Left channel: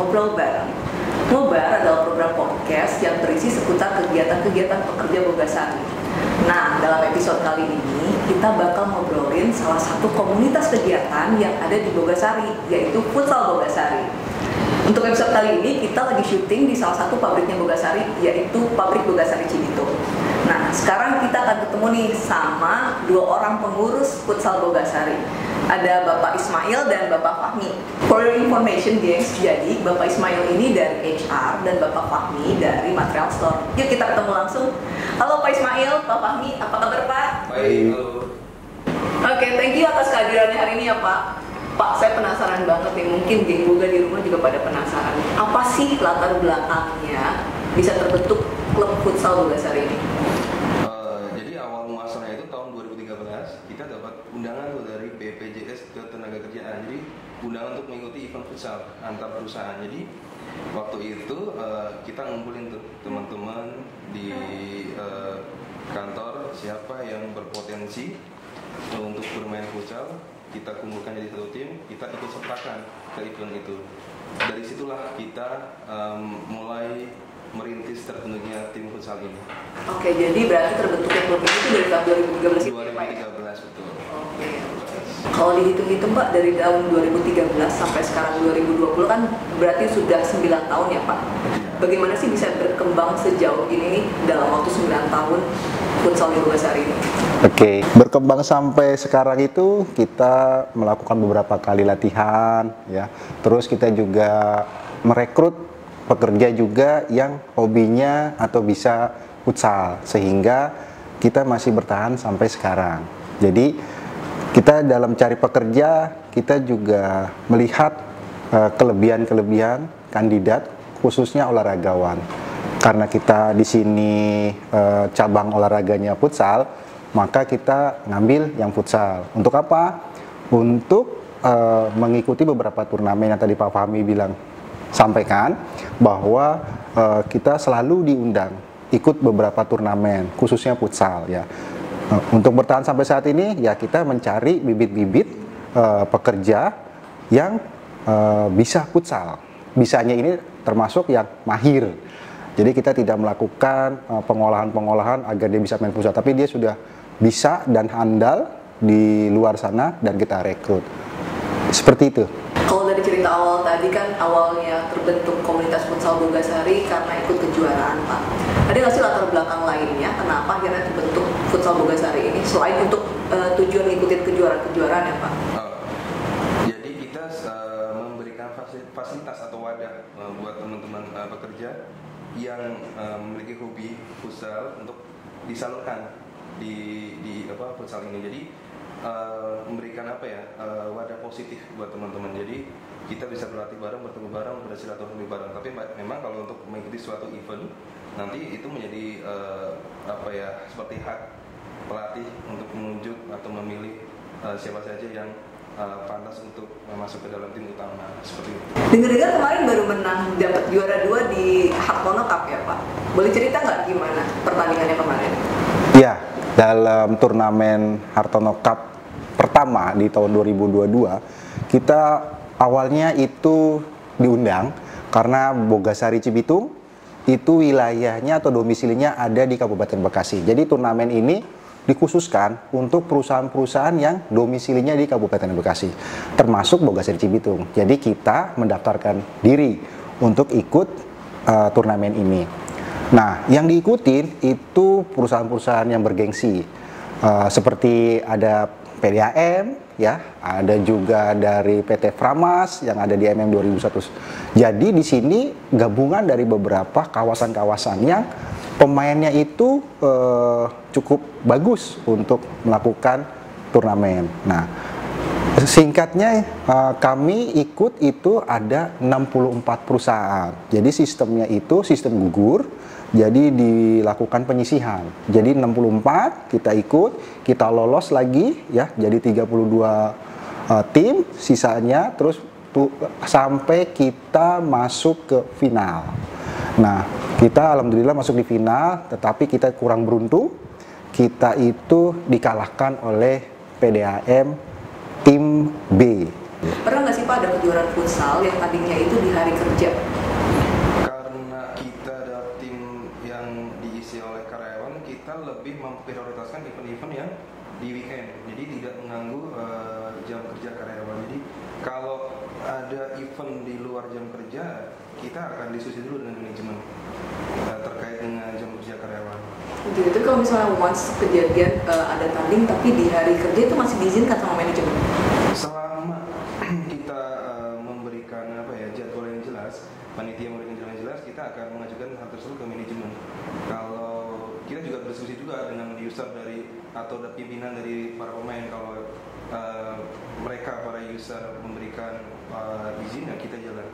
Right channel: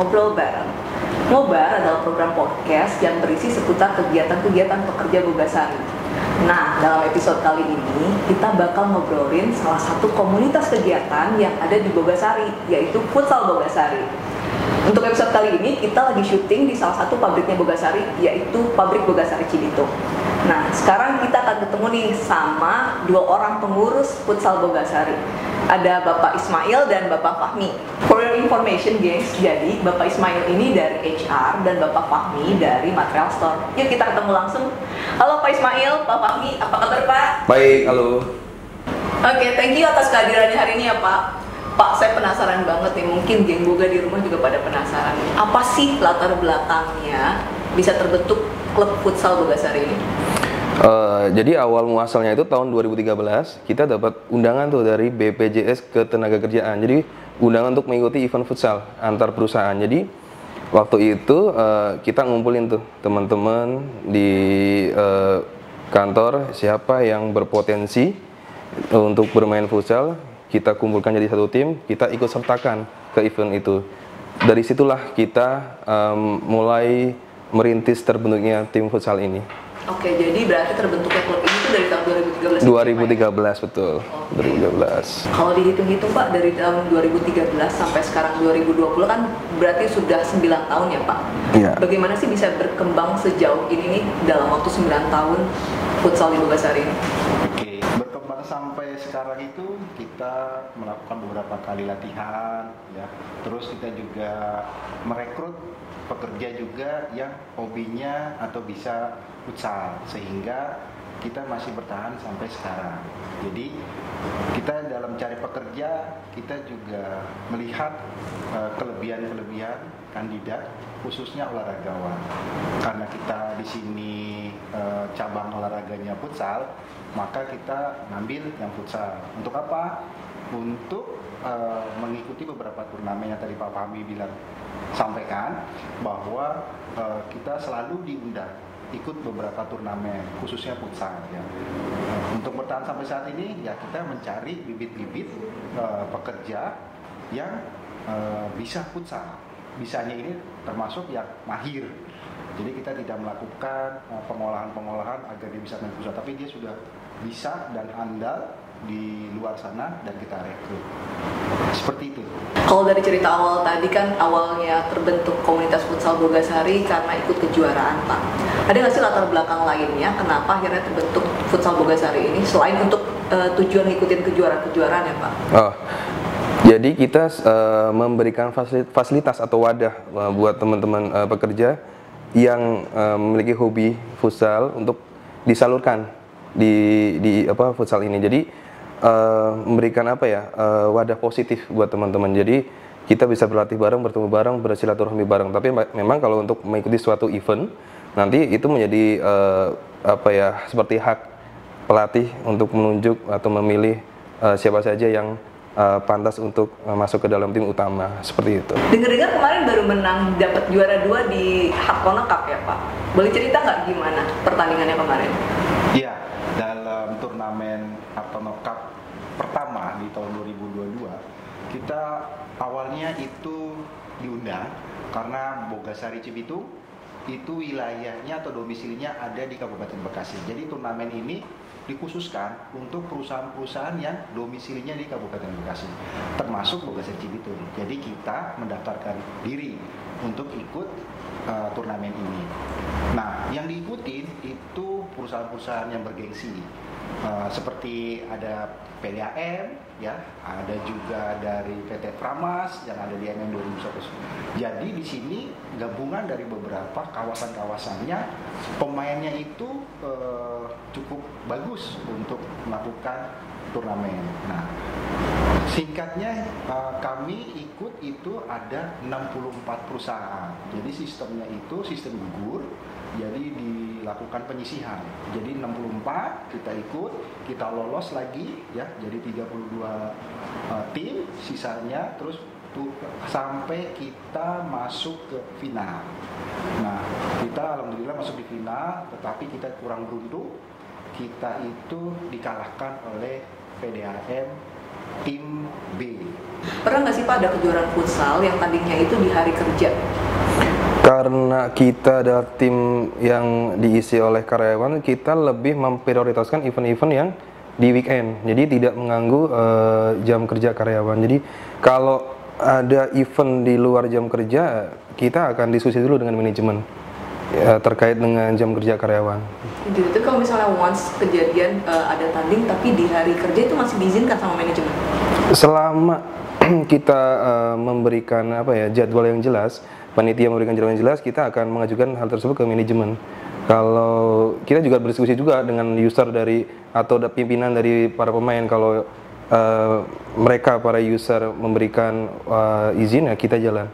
Ngobrol Bareng. Ngobar adalah program podcast yang berisi seputar kegiatan-kegiatan pekerja Bogasari. Nah, dalam episode kali ini kita bakal ngobrolin salah satu komunitas kegiatan yang ada di Bogasari, yaitu Futsal Bogasari. Untuk episode kali ini kita lagi syuting di salah satu pabriknya Bogasari, yaitu pabrik Bogasari Cibitung. Nah, sekarang kita akan ketemu nih sama dua orang pengurus Futsal Bogasari. Ada Bapak Ismail dan Bapak Fahmi. For your information guys, jadi Bapak Ismail ini dari HR dan Bapak Fahmi dari Material Store. Yuk kita ketemu langsung. Halo Pak Ismail, Pak Fahmi, apa kabar Pak? Baik, halo. Oke, thank you atas kehadirannya hari ini ya Pak. Pak, saya penasaran banget nih, mungkin geng Boga di rumah juga pada penasaran. Apa sih latar belakangnya bisa terbentuk klub futsal Bogasari ini? Jadi awal muasalnya itu tahun 2013 kita dapat undangan tuh dari BPJS Ketenagakerjaan. Jadi undangan untuk mengikuti event futsal antar perusahaan. Jadi waktu itu kita ngumpulin tuh teman-teman di kantor siapa yang berpotensi untuk bermain futsal. Kita kumpulkan jadi satu tim, kita ikut sertakan ke event itu. Dari situlah kita mulai merintis terbentuknya tim futsal ini. Oke, jadi berarti terbentuknya klub ini itu dari tahun 2013 betul. 2013. Kalau dihitung-hitung Pak, dari tahun 2013 sampai sekarang 2020 kan berarti sudah 9 tahun ya Pak? Iya. Bagaimana sih bisa berkembang sejauh ini nih dalam waktu 9 tahun futsal di Bogasari ini? Oke, berkembang sampai sekarang itu kita melakukan beberapa kali latihan ya. Terus kita juga merekrut pekerja juga yang hobinya atau bisa futsal, sehingga kita masih bertahan sampai sekarang. Jadi kita dalam cari pekerja, kita juga melihat kelebihan-kelebihan kandidat, khususnya olahragawan. Karena kita di sini cabang olahraganya futsal, maka kita ngambil yang futsal. Untuk apa? Untuk mengikuti beberapa turnamen yang tadi Pak Fahmi sampaikan, bahwa kita selalu diundang ikut beberapa turnamen, khususnya futsal ya. Untuk bertahan sampai saat ini ya kita mencari bibit-bibit pekerja yang bisa futsal. Bisanya ini termasuk yang mahir. Jadi kita tidak melakukan pengolahan-pengolahan agar dia bisa main futsal, tapi dia sudah bisa dan handal di luar sana dan kita rekrut. Seperti itu. Kalau dari cerita awal tadi kan awalnya terbentuk komunitas futsal Bogasari karena ikut kejuaraan Pak. Ada nggak sih latar belakang lainnya kenapa akhirnya terbentuk futsal Bogasari ini selain untuk tujuan ngikutin kejuaraan-kejuaraan ya Pak? Oh, jadi kita memberikan fasilitas atau wadah buat teman-teman pekerja yang memiliki hobi futsal untuk disalurkan di futsal ini. Jadi memberikan wadah positif buat teman-teman. Jadi kita bisa berlatih bareng, bertemu bareng, bersilaturahmi bareng. Tapi memang kalau untuk mengikuti suatu event nanti itu menjadi seperti hak pelatih untuk menunjuk atau memilih siapa saja yang pantas untuk masuk ke dalam tim utama, seperti itu. Dengar-dengar kemarin baru menang, dapat juara 2 di Hartono Cup ya Pak. Boleh cerita nggak gimana pertandingannya kemarin? Iya, dalam turnamen Hartono Cup pertama di tahun 2022, kita awalnya itu diundang karena Bogasari Cibitung itu wilayahnya atau domisilinya ada di Kabupaten Bekasi. Jadi turnamen ini dikhususkan untuk perusahaan-perusahaan yang domisilinya di Kabupaten Bekasi, termasuk Bogasari Cibitung. Jadi kita mendaftarkan diri untuk ikut turnamen ini. Nah, yang diikutin itu perusahaan-perusahaan yang bergengsi, seperti ada PDAM, ya, ada juga dari PT Framas yang ada di MM 2001. Jadi di sini gabungan dari beberapa kawasan-kawasan yang pemainnya itu cukup bagus untuk melakukan turnamen. Nah, singkatnya kami ikut itu ada 64 perusahaan. Jadi sistemnya itu sistem gugur. Jadi dilakukan penyisihan. Jadi 64 kita ikut, kita lolos lagi ya. Jadi 32 tim sisanya terus sampai kita masuk ke final. Nah, kita alhamdulillah masuk di final, tetapi kita kurang beruntung. Kita itu dikalahkan oleh PDAM tim B Pernah nggak sih Pak ada kejuaraan futsal yang tadinya itu di hari kerja? Karena kita adalah tim yang diisi oleh karyawan, kita lebih memprioritaskan event-event yang di weekend. Jadi tidak mengganggu jam kerja karyawan. Jadi kalau ada event di luar jam kerja, kita akan diskusi dulu dengan manajemen terkait dengan jam kerja karyawan. Jadi itu kalau misalnya once kejadian ada tanding tapi di hari kerja itu masih diizinkan sama manajemen? Selama kita memberikan jadwal yang jelas, panitia memberikan jadwal yang jelas, kita akan mengajukan hal tersebut ke manajemen. Kalau kita juga berdiskusi juga dengan user atau pimpinan dari para pemain, kalau mereka para user memberikan izin, ya kita jalan.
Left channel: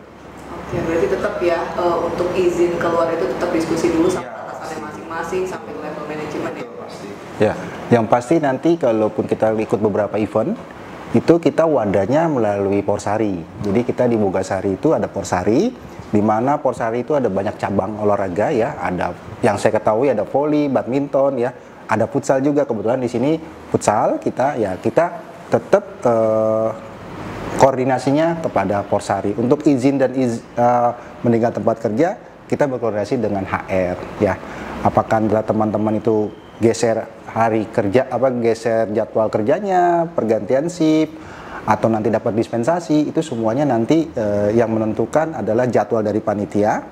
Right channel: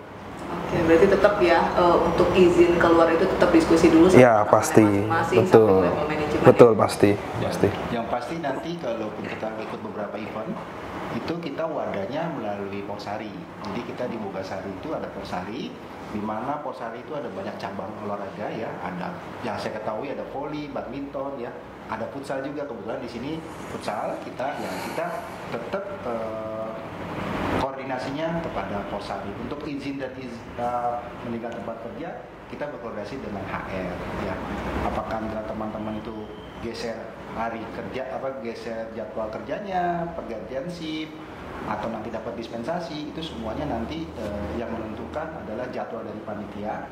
Oke, berarti tetap ya untuk izin keluar itu tetap diskusi dulu sama ya pasti, masing-masing betul, sampai level manajemen. Betul, pasti. Ya. Pasti. Yang pasti nanti kalaupun kita ikut beberapa event, itu kita wadahnya melalui Porsari. Jadi kita di Bogasari itu ada Porsari, di mana Porsari itu ada banyak cabang olahraga ya. Ada yang saya ketahui ada voli, badminton ya, ada futsal juga. Kebetulan di sini futsal kita tetap koordinasinya kepada Porsari. Untuk izin dan meninggal tempat kerja, kita berkoordinasi dengan HR ya. Apakah teman-teman itu geser hari kerja, geser jadwal kerjanya, pergantian shift, atau nanti dapat dispensasi, itu semuanya nanti yang menentukan adalah jadwal dari panitia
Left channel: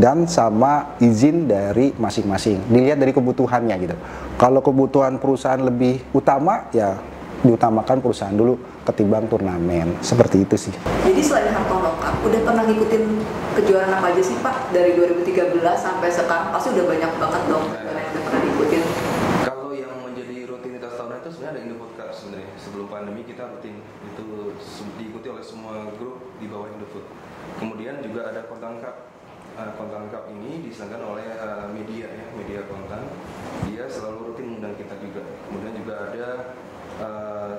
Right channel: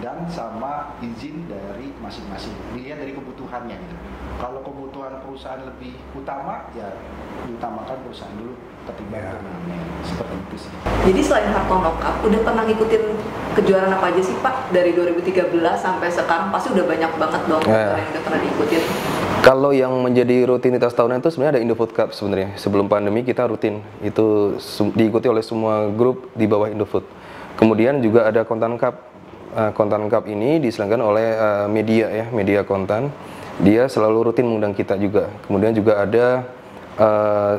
dan sama izin dari masing-masing. Dilihat dari kebutuhannya gitu. Kalau kebutuhan perusahaan lebih utama, ya diutamakan perusahaan dulu ketimbang turnamen. Seperti itu sih. Jadi selain Hartono Cup, udah pernah ngikutin kejuaraan apa aja sih Pak? Dari 2013 sampai sekarang pasti udah banyak banget dong yang udah pernah diikutin. Kalau yang menjadi rutinitas tahunan itu sebenarnya ada Indofood Cup sebenarnya. Sebelum pandemi kita rutin, itu diikuti oleh semua grup di bawah Indofood. Kemudian juga ada Kontan Cup. Kontan Cup ini diselenggarakan oleh media kontan. Dia selalu rutin mengundang kita juga. Kemudian juga ada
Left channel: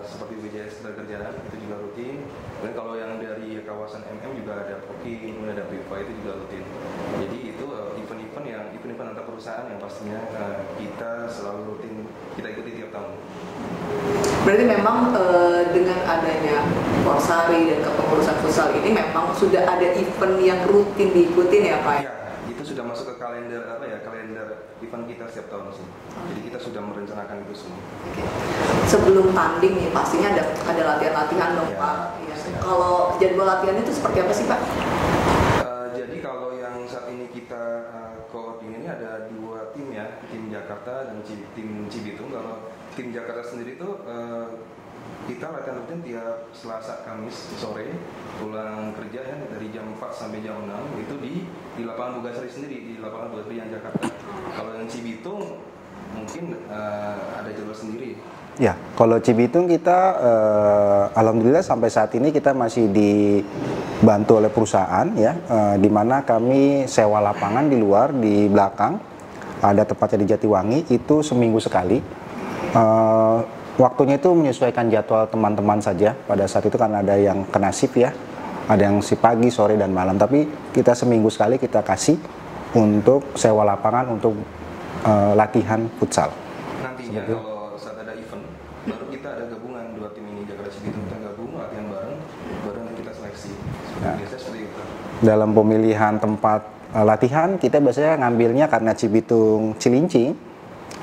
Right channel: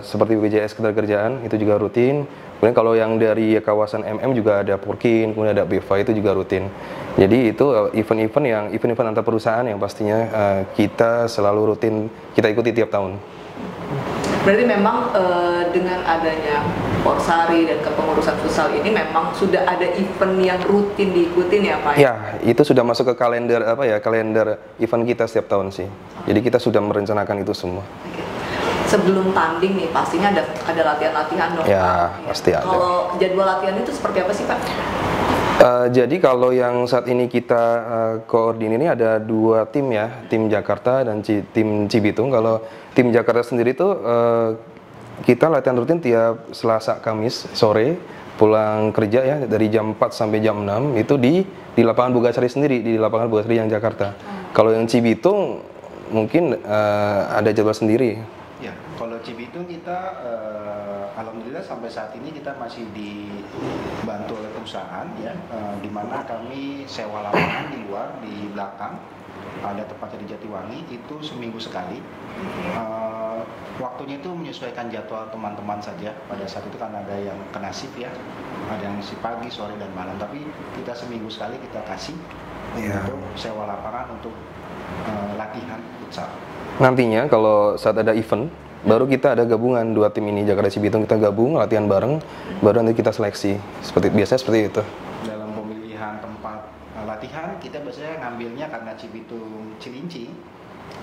seperti BPJS Ketenagakerjaan, itu juga rutin. Kemudian kalau yang dari kawasan MM juga ada Purkin, kemudian ada BEVA, itu juga rutin. Jadi itu event-event antar perusahaan yang pastinya kita selalu rutin kita ikuti tiap tahun. Berarti memang dengan adanya Porsari dan kepengurusan futsal ini memang sudah ada event yang rutin diikutin ya Pak? Ya, itu sudah masuk ke kalender kalender event kita setiap tahun sih. Jadi kita sudah merencanakan itu semua. Oke. Sebelum tanding nih pastinya ada latihan-latihan dong ya, Pak. Pasti ada. Kalau jadwal latihan itu seperti apa sih Pak? Jadi kalau yang saat ini kita koordinir ini ada 2 tim ya, tim Jakarta dan tim Cibitung. Kalau tim Jakarta sendiri itu kita latihan rutin tiap Selasa Kamis sore pulang kerja ya, dari jam 4 sampai jam 6 itu di lapangan Bogasari sendiri, di lapangan Bogasari yang Jakarta. Kalau yang Cibitung mungkin ada jadwal sendiri. Ya, kalau Cibitung kita alhamdulillah sampai saat ini kita masih dibantu oleh perusahaan ya, di mana kami sewa lapangan di luar di belakang, ada tepatnya di Jatiwangi, itu seminggu sekali. Waktunya itu menyesuaikan jadwal teman-teman saja. Pada saat itu kan ada yang kena shift ya, ada yang shift pagi, sore dan malam. Tapi kita seminggu sekali kita kasih untuk sewa lapangan untuk latihan futsal. Nantinya kalau saat ada event, baru kita ada gabungan 2 tim ini, Jakarta Cibitung, kita gabung latihan bareng, baru nanti kita seleksi. Biasanya seperti itu. Dalam pemilihan tempat latihan, kita biasanya ngambilnya karena Cibitung Cilincing,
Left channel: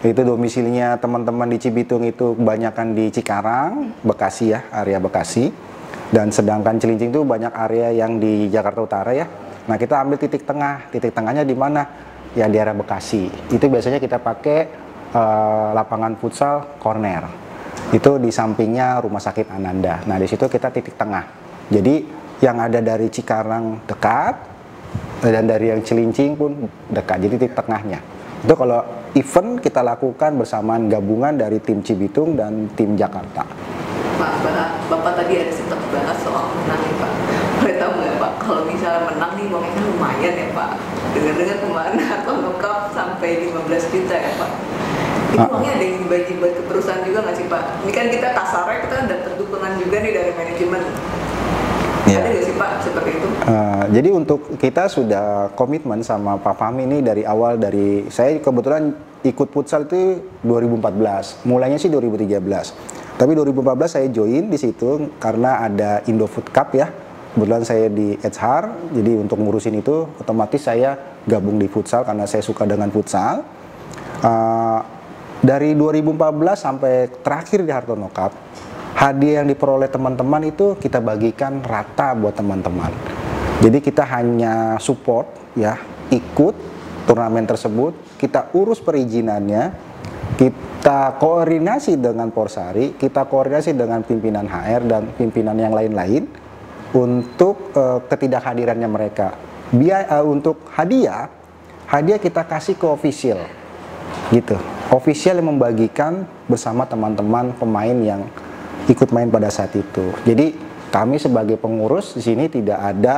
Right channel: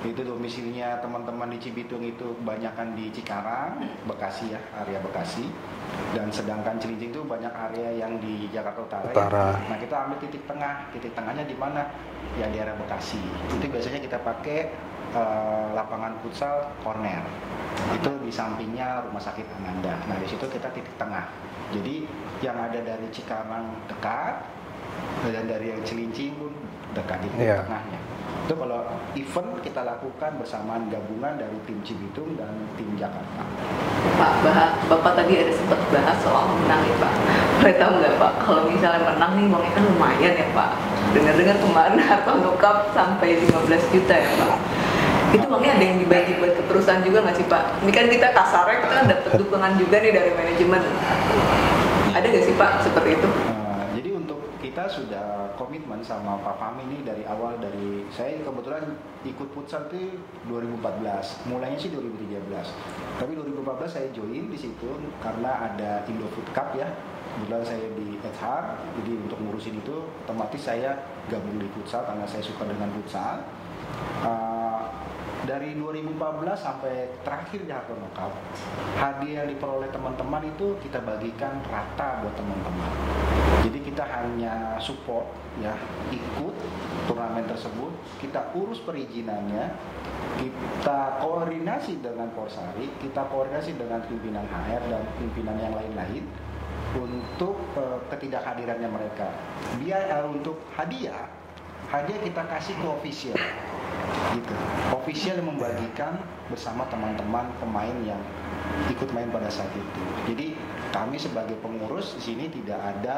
itu domisilinya teman-teman di Cibitung itu kebanyakan di Cikarang, Bekasi ya, area Bekasi. Dan sedangkan Cilincing itu banyak area yang di Jakarta Utara ya. Nah kita ambil titik tengahnya di mana? Ya di area Bekasi. Itu biasanya kita pakai lapangan futsal corner. Itu di sampingnya Rumah Sakit Ananda. Nah di situ kita titik tengah. Jadi yang ada dari Cikarang dekat dan dari yang Cilincing pun dekat. Jadi titik tengahnya. Itu kalau event kita lakukan bersamaan gabungan dari tim Cibitung dan tim Jakarta. Pak, Bapak tadi ada sempat bahas soal menang nih Pak. Boleh tahu nggak Pak, kalau misalnya menang nih uangnya kan lumayan ya Pak. Dengan kemarin Hartono Cup sampai 15 juta ya Pak. Itu uangnya ada yang dibagi buat ke perusahaan juga nggak sih Pak? Ini kan kita kasarnya kita dapat dukungan juga nih dari manajemen. Ya. Ada nggak sih Pak seperti itu? Jadi untuk kita sudah komitmen sama Pak Fahmi ini dari awal, saya kebetulan ikut futsal itu 2014, mulainya sih 2013. Tapi 2014 saya join di situ karena ada Indofood Cup ya. Kebetulan saya di HR, jadi untuk ngurusin itu otomatis saya gabung di futsal karena saya suka dengan futsal. Dari 2014 sampai terakhir di Hartono Cup, hadiah yang diperoleh teman-teman itu kita bagikan rata buat teman-teman. Jadi kita hanya support ya, ikut turnamen tersebut, kita urus perizinannya, kita koordinasi dengan Porsari, kita koordinasi dengan pimpinan HR dan pimpinan yang lain-lain untuk ketidakhadirannya mereka. Untuk hadiah kita kasih ke official, gitu. Official yang membagikan bersama teman-teman pemain yang ikut main pada saat itu. Jadi kami sebagai pengurus di sini tidak ada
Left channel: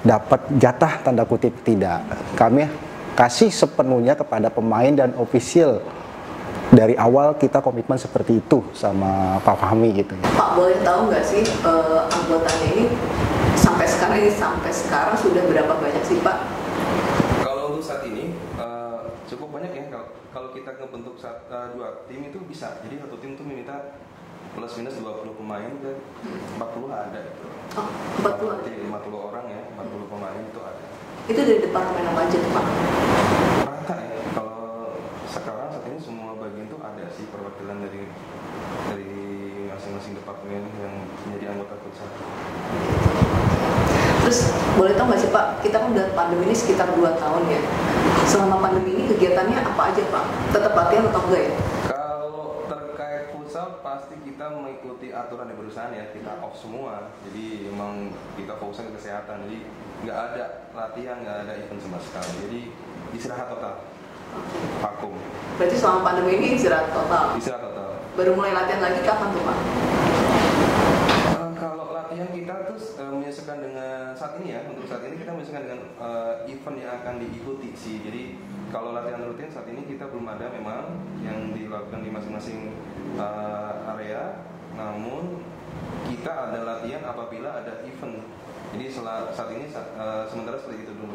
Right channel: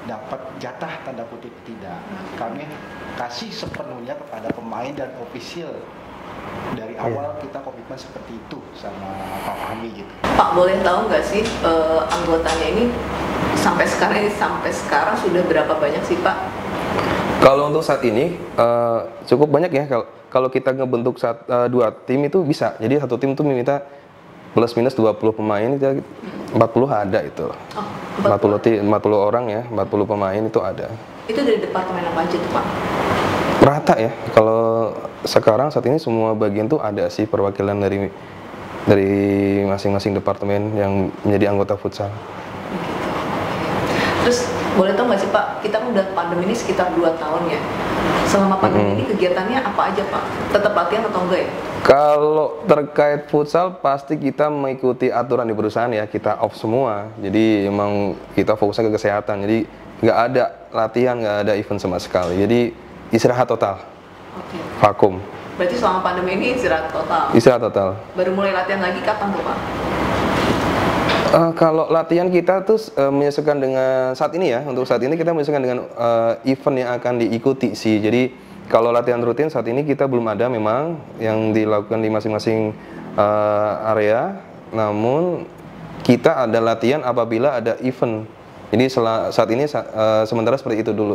dapat jatah tanda kutip, tidak. Kami kasih sepenuhnya kepada pemain dan official. Dari awal kita komitmen seperti itu sama Pak Fahmi gitu. Pak, boleh tahu nggak sih anggotanya ini sampai sekarang sudah berapa banyak sih Pak? Kalau untuk saat ini cukup banyak ya. Kalau kita ngebentuk 2 tim itu bisa. Jadi satu tim itu meminta plus minus 20 pemain, 40 ada itu. Oh, 40 orang ya, 40 pemain itu ada. Itu dari departemen apa aja tuh Pak? Rata ya. Kalau sekarang saat ini semua bagian tuh ada sih perwakilan dari masing-masing departemen yang menjadi anggota futsal. Terus boleh tahu nggak sih Pak, kita kan udah pandemi ini sekitar 2 tahun ya. Selama pandemi ini kegiatannya apa aja Pak? Tetap latihan atau enggak ya? Kalau terkait futsal pasti kita mengikuti aturan di perusahaan ya, kita off semua. Jadi emang kita fokusnya ke kesehatan. Jadi nggak ada latihan, nggak ada event sama sekali. Jadi istirahat total. Vakum. Berarti selama pandemi ini istirahat total? Istirahat total. Baru mulai latihan lagi kapan tuh Pak? Kalau latihan kita tuh menyesuaikan dengan saat ini ya. Untuk saat ini kita menyesuaikan dengan event yang akan diikuti sih. Jadi kalau latihan rutin saat ini kita belum ada memang yang dilakukan di masing-masing area. Namun kita ada latihan apabila ada event. Jadi saat ini sementara seperti itu dulu.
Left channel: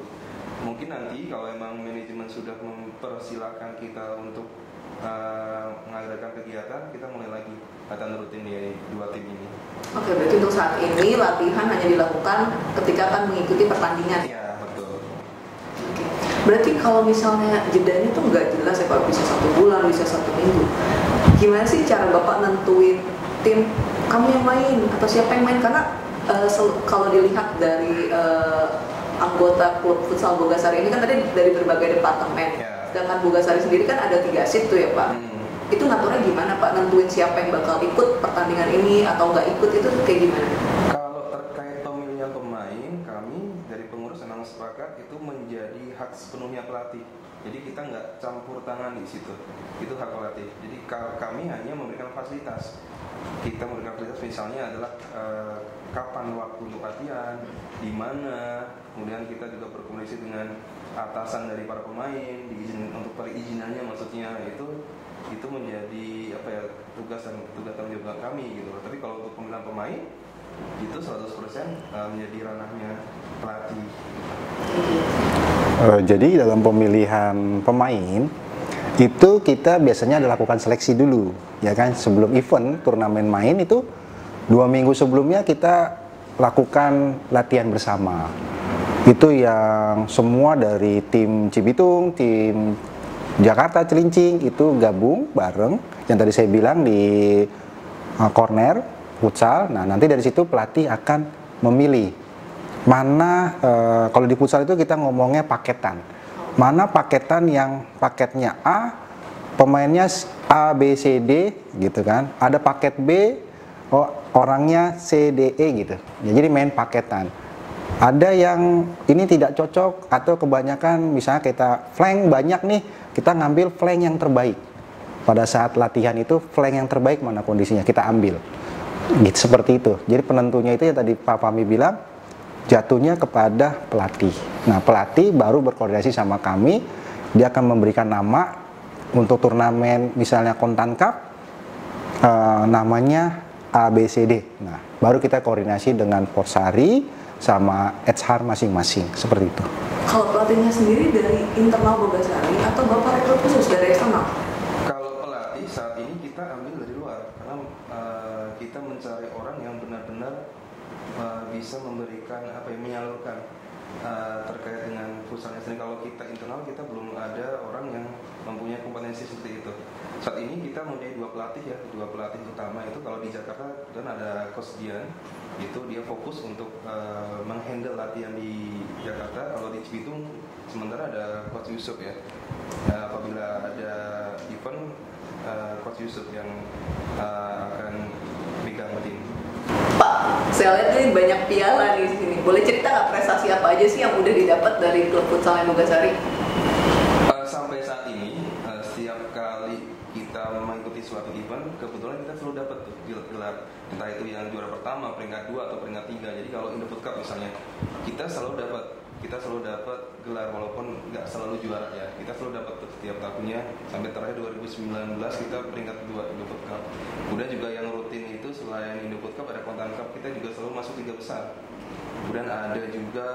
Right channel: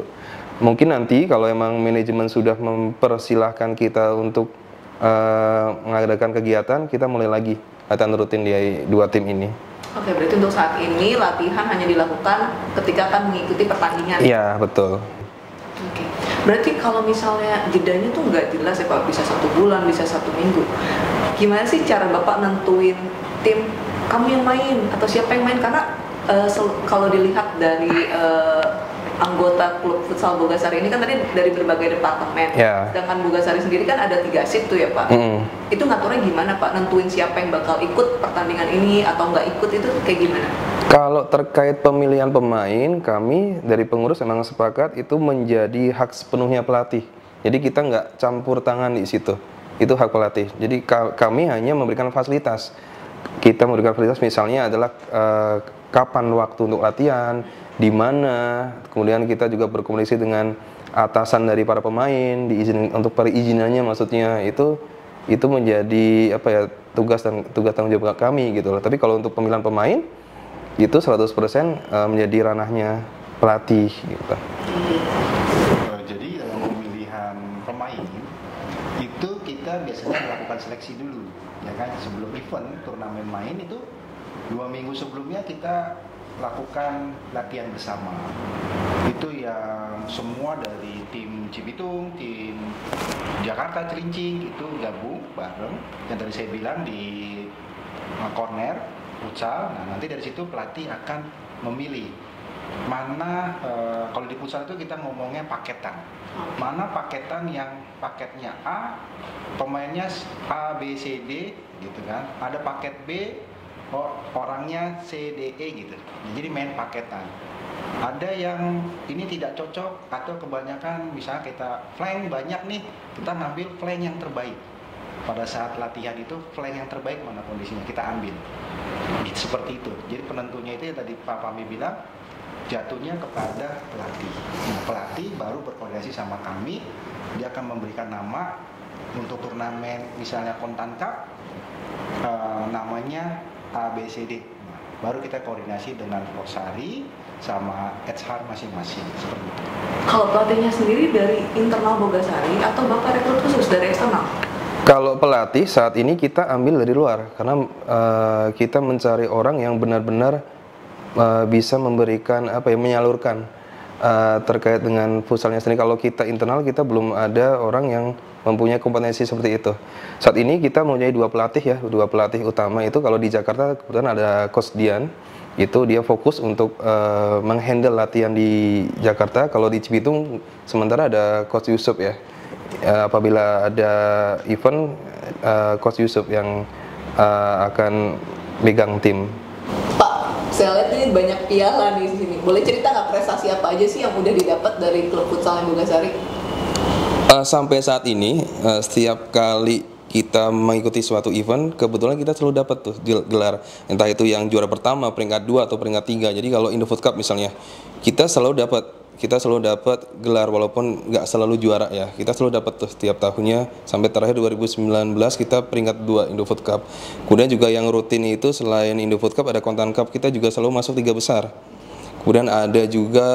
Mungkin nanti kalau emang manajemen sudah mempersilahkan kita untuk mengadakan kegiatan, kita mulai lagi latihan rutin di 2 tim ini. Oke, berarti untuk saat ini latihan hanya dilakukan ketika akan mengikuti pertandingan? Iya, betul. Oke. Berarti kalau misalnya jedanya tuh nggak jelas ya Pak, bisa 1 bulan, bisa 1 minggu. Gimana sih cara Bapak nentuin tim, kamu yang main atau siapa yang main? Karena kalau dilihat dari anggota klub futsal Bogasari ini kan tadi dari berbagai departemen. Yeah. Sedangkan Bogasari sendiri kan ada 3 shift tuh ya Pak. Itu ngaturnya gimana Pak? Nentuin siapa yang bakal ikut pertandingan ini atau nggak ikut itu kayak gimana? Kalau terkait pemilihan pemain, kami dari pengurus memang sepakat itu menjadi hak sepenuhnya pelatih. Jadi kita nggak campur tangan di situ. Itu hak pelatih. Jadi kami hanya memberikan fasilitas. Kita memberikan fasilitas misalnya adalah kapan waktu untuk latihan, di mana, kemudian kita juga berkomunikasi dengan atasan dari para pemain, untuk perizinannya maksudnya itu menjadi apa ya, tugas tanggung jawab kami gitu loh. Tapi kalau untuk pemilihan pemain itu 100% menjadi ranahnya pelatih gitu. Jadi dalam pemilihan pemain itu kita biasanya dilakukan seleksi dulu, ya kan, sebelum event turnamen main itu 2 minggu sebelumnya kita lakukan latihan bersama. Itu yang semua dari tim Cibitung, tim Jakarta Cilincing itu gabung bareng. Yang tadi saya bilang di corner futsal. Nah, nanti dari situ pelatih akan memilih mana, kalau di futsal itu kita ngomongnya paketan. Mana paketan yang paketnya A, pemainnya A, B, C, D gitu kan. Ada paket B, orangnya C, D, E gitu. Jadi main paketan. Ada yang ini tidak cocok atau kebanyakan misalnya kita flank banyak nih, kita ngambil flank yang terbaik. Pada saat latihan itu flank yang terbaik mana kondisinya kita ambil. Gitu, seperti itu. Jadi penentunya itu yang tadi Pak Fahmi bilang jatuhnya kepada pelatih. Nah, pelatih baru berkoordinasi sama kami, dia akan memberikan nama untuk turnamen misalnya Kontan Cup, namanya ABCD. Nah, baru kita koordinasi dengan Porsari sama HR masing-masing, seperti itu. Kalau pelatihnya sendiri dari internal Bogasari atau Bapak rekrut khusus dari eksternal? Kalau pelatih saat ini kita ambil dari luar karena kita mencari orang yang benar-benar bisa memberikan menyalurkan terkait dengan futsalnya sendiri. Kalau kita internal kita belum ada orang yang mempunyai kompetensi seperti itu. Saat ini kita mempunyai dua pelatih utama itu. Kalau di Jakarta kebetulan ada Coach Dian, itu dia fokus untuk menghandle latihan di Jakarta. Kalau di Cibitung sementara ada Coach Yusuf ya. Apabila ada event, Coach Yusuf yang akan megang tim. Pak, saya lihat ini banyak piala di sini. Boleh cerita nggak prestasi apa aja sih yang udah didapat dari klub futsal Mogasari? Sampai saat ini, setiap kali kita mengikuti suatu event, kebetulan kita selalu dapat tuh gelar. Entah itu yang juara pertama, peringkat 2 atau peringkat 3. Jadi kalau Indofood Cup misalnya, kita selalu dapat gelar walaupun nggak selalu juara ya. Kita selalu dapat tuh setiap tahunnya sampai terakhir 2019 kita peringkat 2 Indofood Cup. Kemudian juga yang rutin itu selain Indofood Cup ada Kontan Cup, kita juga selalu masuk 3 besar. Kemudian ada juga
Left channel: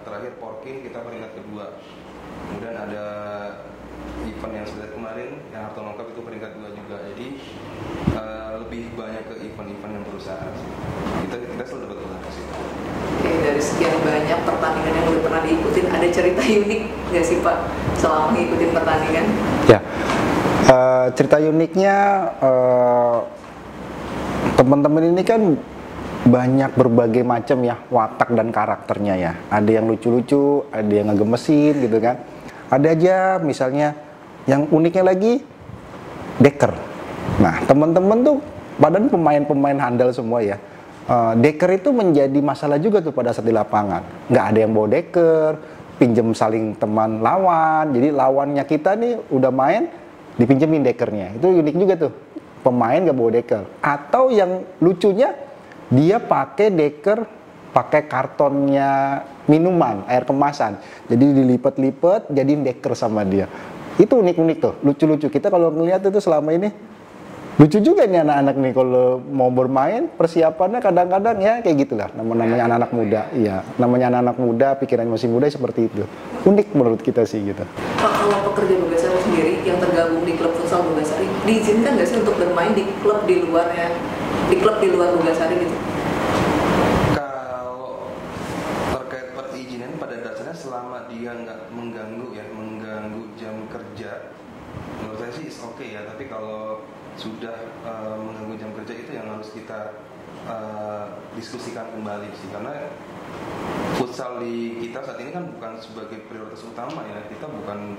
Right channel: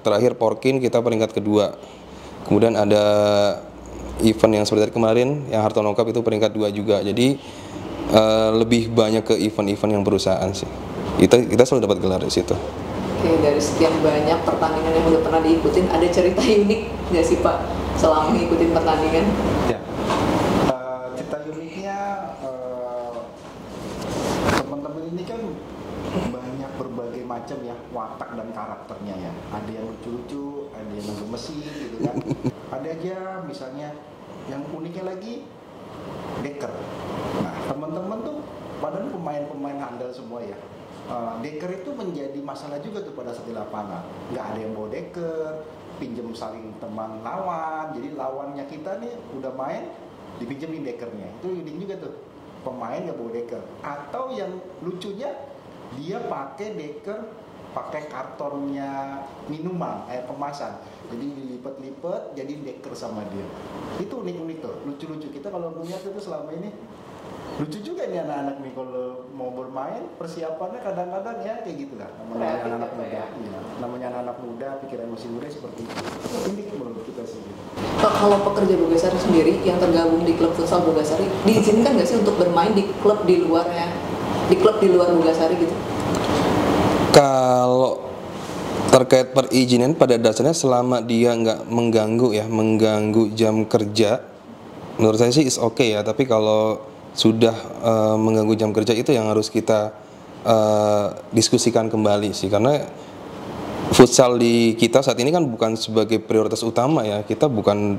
terakhir Porkin kita peringkat kedua. Kemudian ada event yang seperti kemarin yang Hartono Cup itu peringkat 2 juga. Jadi lebih banyak ke event-event yang perusahaan sih. Kita selalu dapat gelar di situ. Oke, dari sekian banyak pertandingan yang udah pernah diikutin, ada cerita unik nggak sih Pak selama ngikutin pertandingan? Ya, cerita uniknya teman-teman ini kan banyak berbagai macam ya watak dan karakternya ya. Ada yang lucu-lucu, ada yang ngegemesin gitu kan. Ada aja misalnya yang uniknya lagi deker. Nah, teman-teman tuh padahal pemain-pemain handal semua ya. Deker itu menjadi masalah juga tuh pada saat di lapangan. Nggak ada yang bawa deker, pinjem saling teman lawan. Jadi lawannya kita nih udah main, dipinjemin dekernya. Itu unik juga tuh. Pemain nggak bawa deker. Atau yang lucunya dia pakai deker, pakai kartonnya minuman, air kemasan. Jadi dilipat-lipat, jadiin deker sama dia. Itu unik-unik tuh, lucu-lucu. Kita kalau ngeliat itu selama ini, lucu juga nih anak-anak nih kalau mau bermain, persiapannya kadang-kadang ya kayak gitulah. Namanya anak-anak muda, iya. Namanya anak-anak muda, pikiran masih muda seperti itu. Unik menurut kita sih gitu. Pak, kalau pekerja Bogasari sendiri yang tergabung di klub futsal Bogasari, diizinkan nggak sih untuk bermain di klub di luar Bogasari gitu? Kalau terkait perizinan pada dasarnya selama dia nggak mengganggu jam kerja, menurut saya sih is okay ya. Tapi kalau sudah mengganggu jam kerja itu yang harus kita diskusikan kembali sih, karena futsal di kita saat ini kan bukan sebagai prioritas utama ya. Kita bukan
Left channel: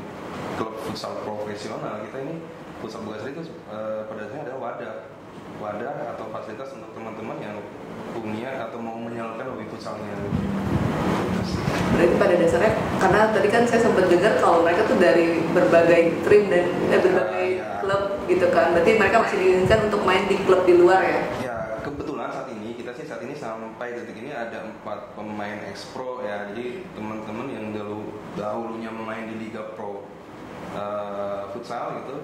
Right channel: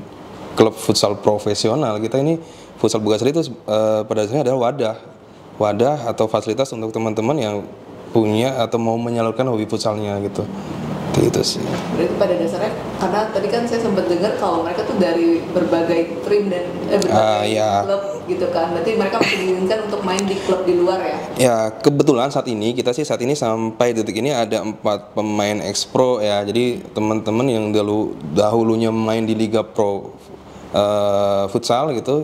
klub futsal profesional, kita ini futsal Bogasari itu pada dasarnya adalah wadah atau fasilitas untuk teman-teman yang punya atau mau menyalurkan hobi futsalnya gitu. Itu sih. Berarti pada dasarnya, karena tadi kan saya sempat dengar kalau mereka tuh dari berbagai trim dan berbagai klub gitu kan. Berarti mereka masih diizinkan untuk main di klub di luar ya? Ya, kebetulan saat ini sampai detik ini ada 4 pemain ex-pro ya. Jadi teman-teman yang dahulunya main di Liga Pro futsal gitu,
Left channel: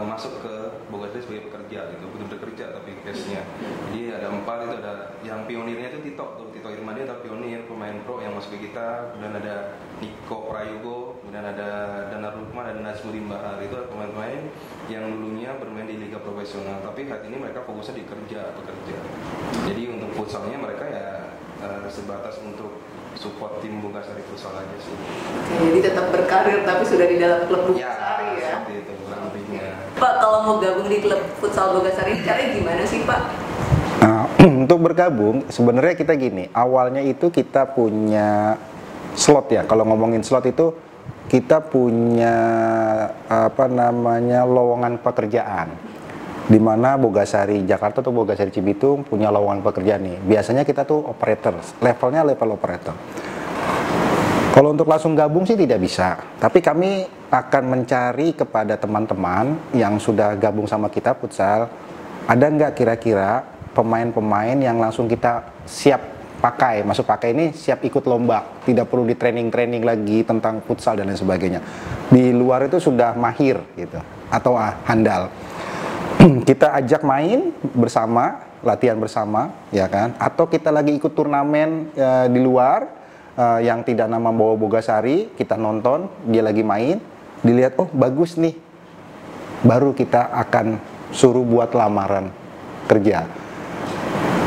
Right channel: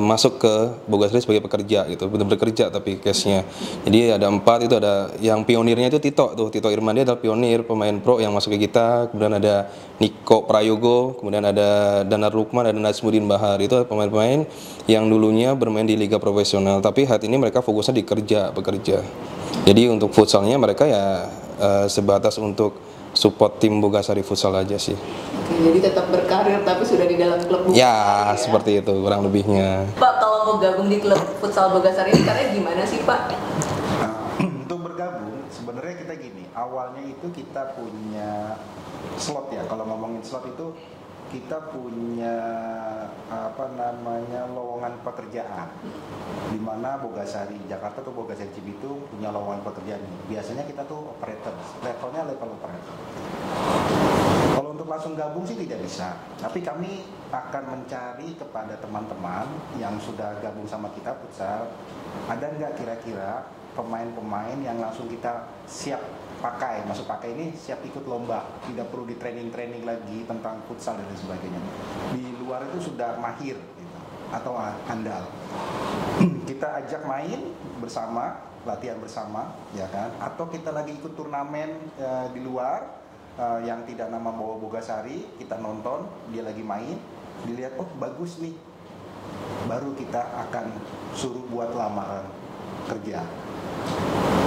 masuk ke Bogasari sebagai pekerja gitu, benar-benar kerja tapi case-nya. Jadi ada 4 itu, ada yang pionirnya itu Tito Irmandi adalah pionir pemain pro yang masuk ke kita. Kemudian ada Niko Prayogo, kemudian ada Danar Lukman, ada Najmuddin Bahar. Itu pemain-pemain yang dulunya bermain di liga profesional, tapi saat ini mereka fokusnya di pekerja. Jadi untuk futsalnya mereka ya sebatas untuk support tim Bogasari futsal aja sih. Oke, jadi tetap berkarir tapi sudah di dalam klub Bogasari ya? Seperti itu kurang lebihnya. Pak, kalau mau gabung di klub futsal Bogasari ini caranya gimana sih Pak? Nah, untuk bergabung sebenarnya kita gini, awalnya itu kita punya slot ya. Kalau ngomongin slot itu kita punya lowongan pekerjaan. Di mana Bogasari Jakarta atau Bogasari Cibitung punya lowongan pekerjaan nih. Biasanya kita tuh operator, levelnya level operator. Kalau untuk langsung gabung sih tidak bisa. Tapi kami akan mencari kepada teman-teman yang sudah gabung sama kita futsal, ada nggak kira-kira pemain-pemain yang langsung kita siap pakai, masuk pakai ini siap ikut lomba, tidak perlu di training lagi tentang futsal dan lain sebagainya. Di luar itu sudah mahir gitu, atau handal. Kita ajak main bersama, latihan bersama, ya kan? Atau kita lagi ikut turnamen di luar yang tidak nama bawa Bogasari, kita nonton, dia lagi main, dilihat, oh bagus nih, baru kita akan suruh buat lamaran kerja.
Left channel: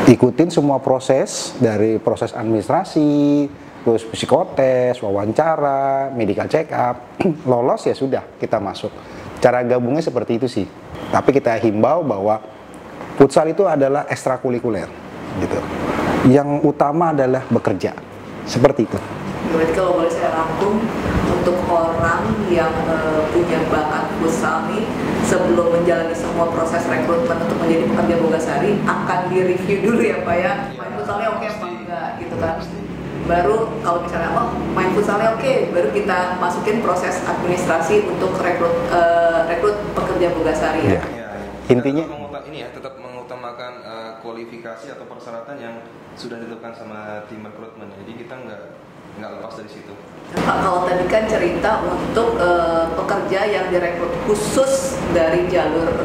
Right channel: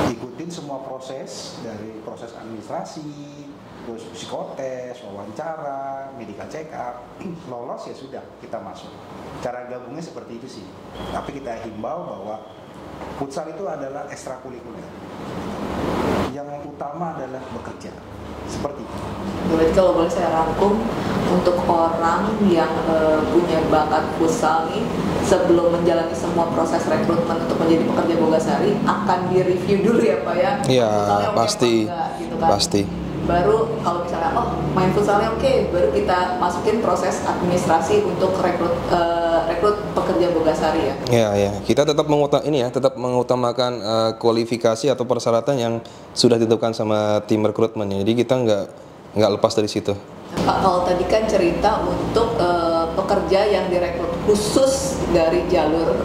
Ikutin semua proses, dari proses administrasi, terus psikotes, wawancara, medical check up, lolos ya sudah kita masuk. Cara gabungnya seperti itu sih. Tapi kita himbau bahwa futsal itu adalah ekstrakurikuler, gitu. Yang utama adalah bekerja, seperti itu. Berarti kalau boleh saya rangkum, untuk orang yang punya bakat futsal nih, sebelum menjalani semua proses rekrutmen untuk menjadi pekerja Bogasari, akan direview dulu ya Pak ya? Iya, Futsalnya oke apa pasti, enggak, gitu kan? pasti. Baru kalau misalnya, oh main futsalnya oke, baru kita masukin proses administrasi untuk rekrut pekerja Bogasari ya? Iya, iya. Kita tetap mengutamakan kualifikasi atau persyaratan yang sudah ditentukan sama tim rekrutmen. Jadi kita nggak lepas dari situ. Pak, kalau tadi kan cerita untuk pekerja yang direkrut khusus dari jalur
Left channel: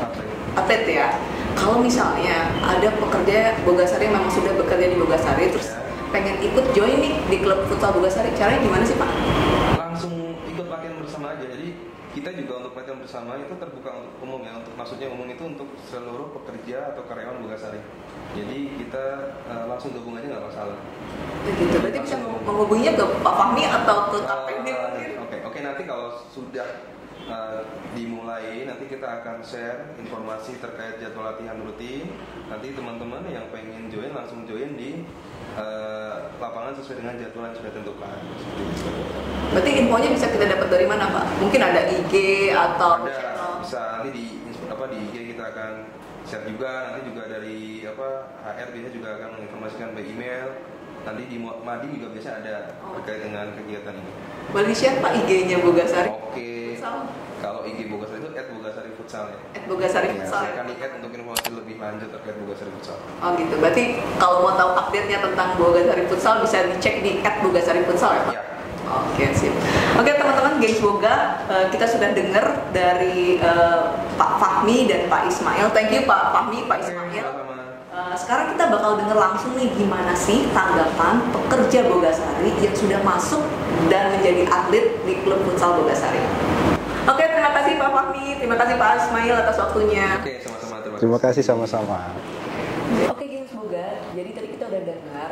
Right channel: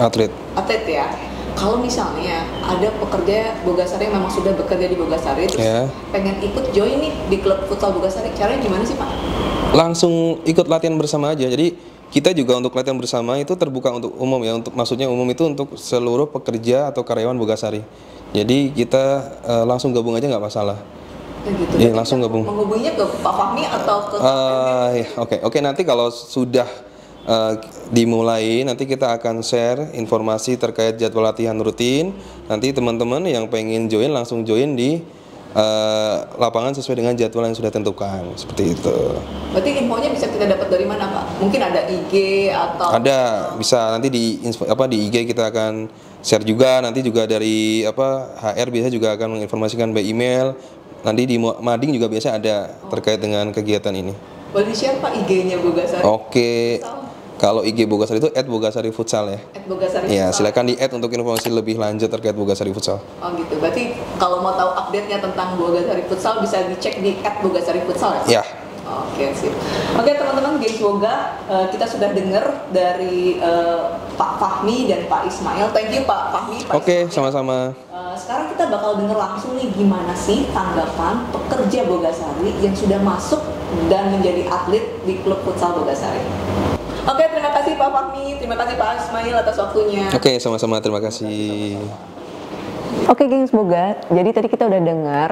Atlet. ya. Kalau misalnya ada pekerja Bogasari yang memang sudah bekerja di Bogasari, terus pengen ikut join nih di klub futsal Bogasari, caranya gimana sih Pak? Langsung ikut latihan bersama aja. Jadi kita juga untuk latihan bersama itu terbuka untuk umum ya. Maksudnya umum itu untuk seluruh pekerja atau karyawan Bogasari. Jadi kita langsung gabung aja nggak masalah. Gitu. Iya, langsung gabung. Menghubunginya ke Pak Fahmi atau ke Oke. Nanti kalau sudah dimulai, nanti kita akan share informasi terkait jadwal latihan rutin. Nanti teman-teman yang pengen join langsung join di lapangan sesuai dengan jadwal yang sudah tentukan, seperti itu. Berarti infonya bisa kita dapat dari mana Pak? Mungkin ada IG atau? Ada, bisa nanti di IG kita akan share juga. Nanti juga dari HR biasa juga akan menginformasikan by email. Nanti di Mading juga biasa ada terkait dengan kegiatan ini. Boleh di-share Pak IG-nya Bogasari? Oke. Kalau IG Bogasari itu @bogasari_futsal ya. @bogasari futsal. Ya, silakan di untuk informasi lebih lanjut terkait Bogasari Futsal. Oh gitu. Berarti kalau mau tahu update-nya tentang Bogasari Futsal bisa dicek di @bogasari futsal ya Pak? Ya. Oke, sip. Oke teman-teman, guys, semoga kita sudah dengar dari Pak Fahmi dan Pak Ismail. Thank you Pak Fahmi, Pak Oke, Ismail. sama-sama. Sekarang kita bakal dengar langsung nih gimana sih tanggapan pekerja Bogasari yang sudah masuk dan menjadi atlet di klub futsal Bogasari. Oke, terima kasih Pak Fahmi, terima kasih Pak Ismail atas waktunya. Oke, sama-sama, terima kasih. Terima kasih sama-sama. Oke, geng, semoga. Jadi tadi kita udah dengar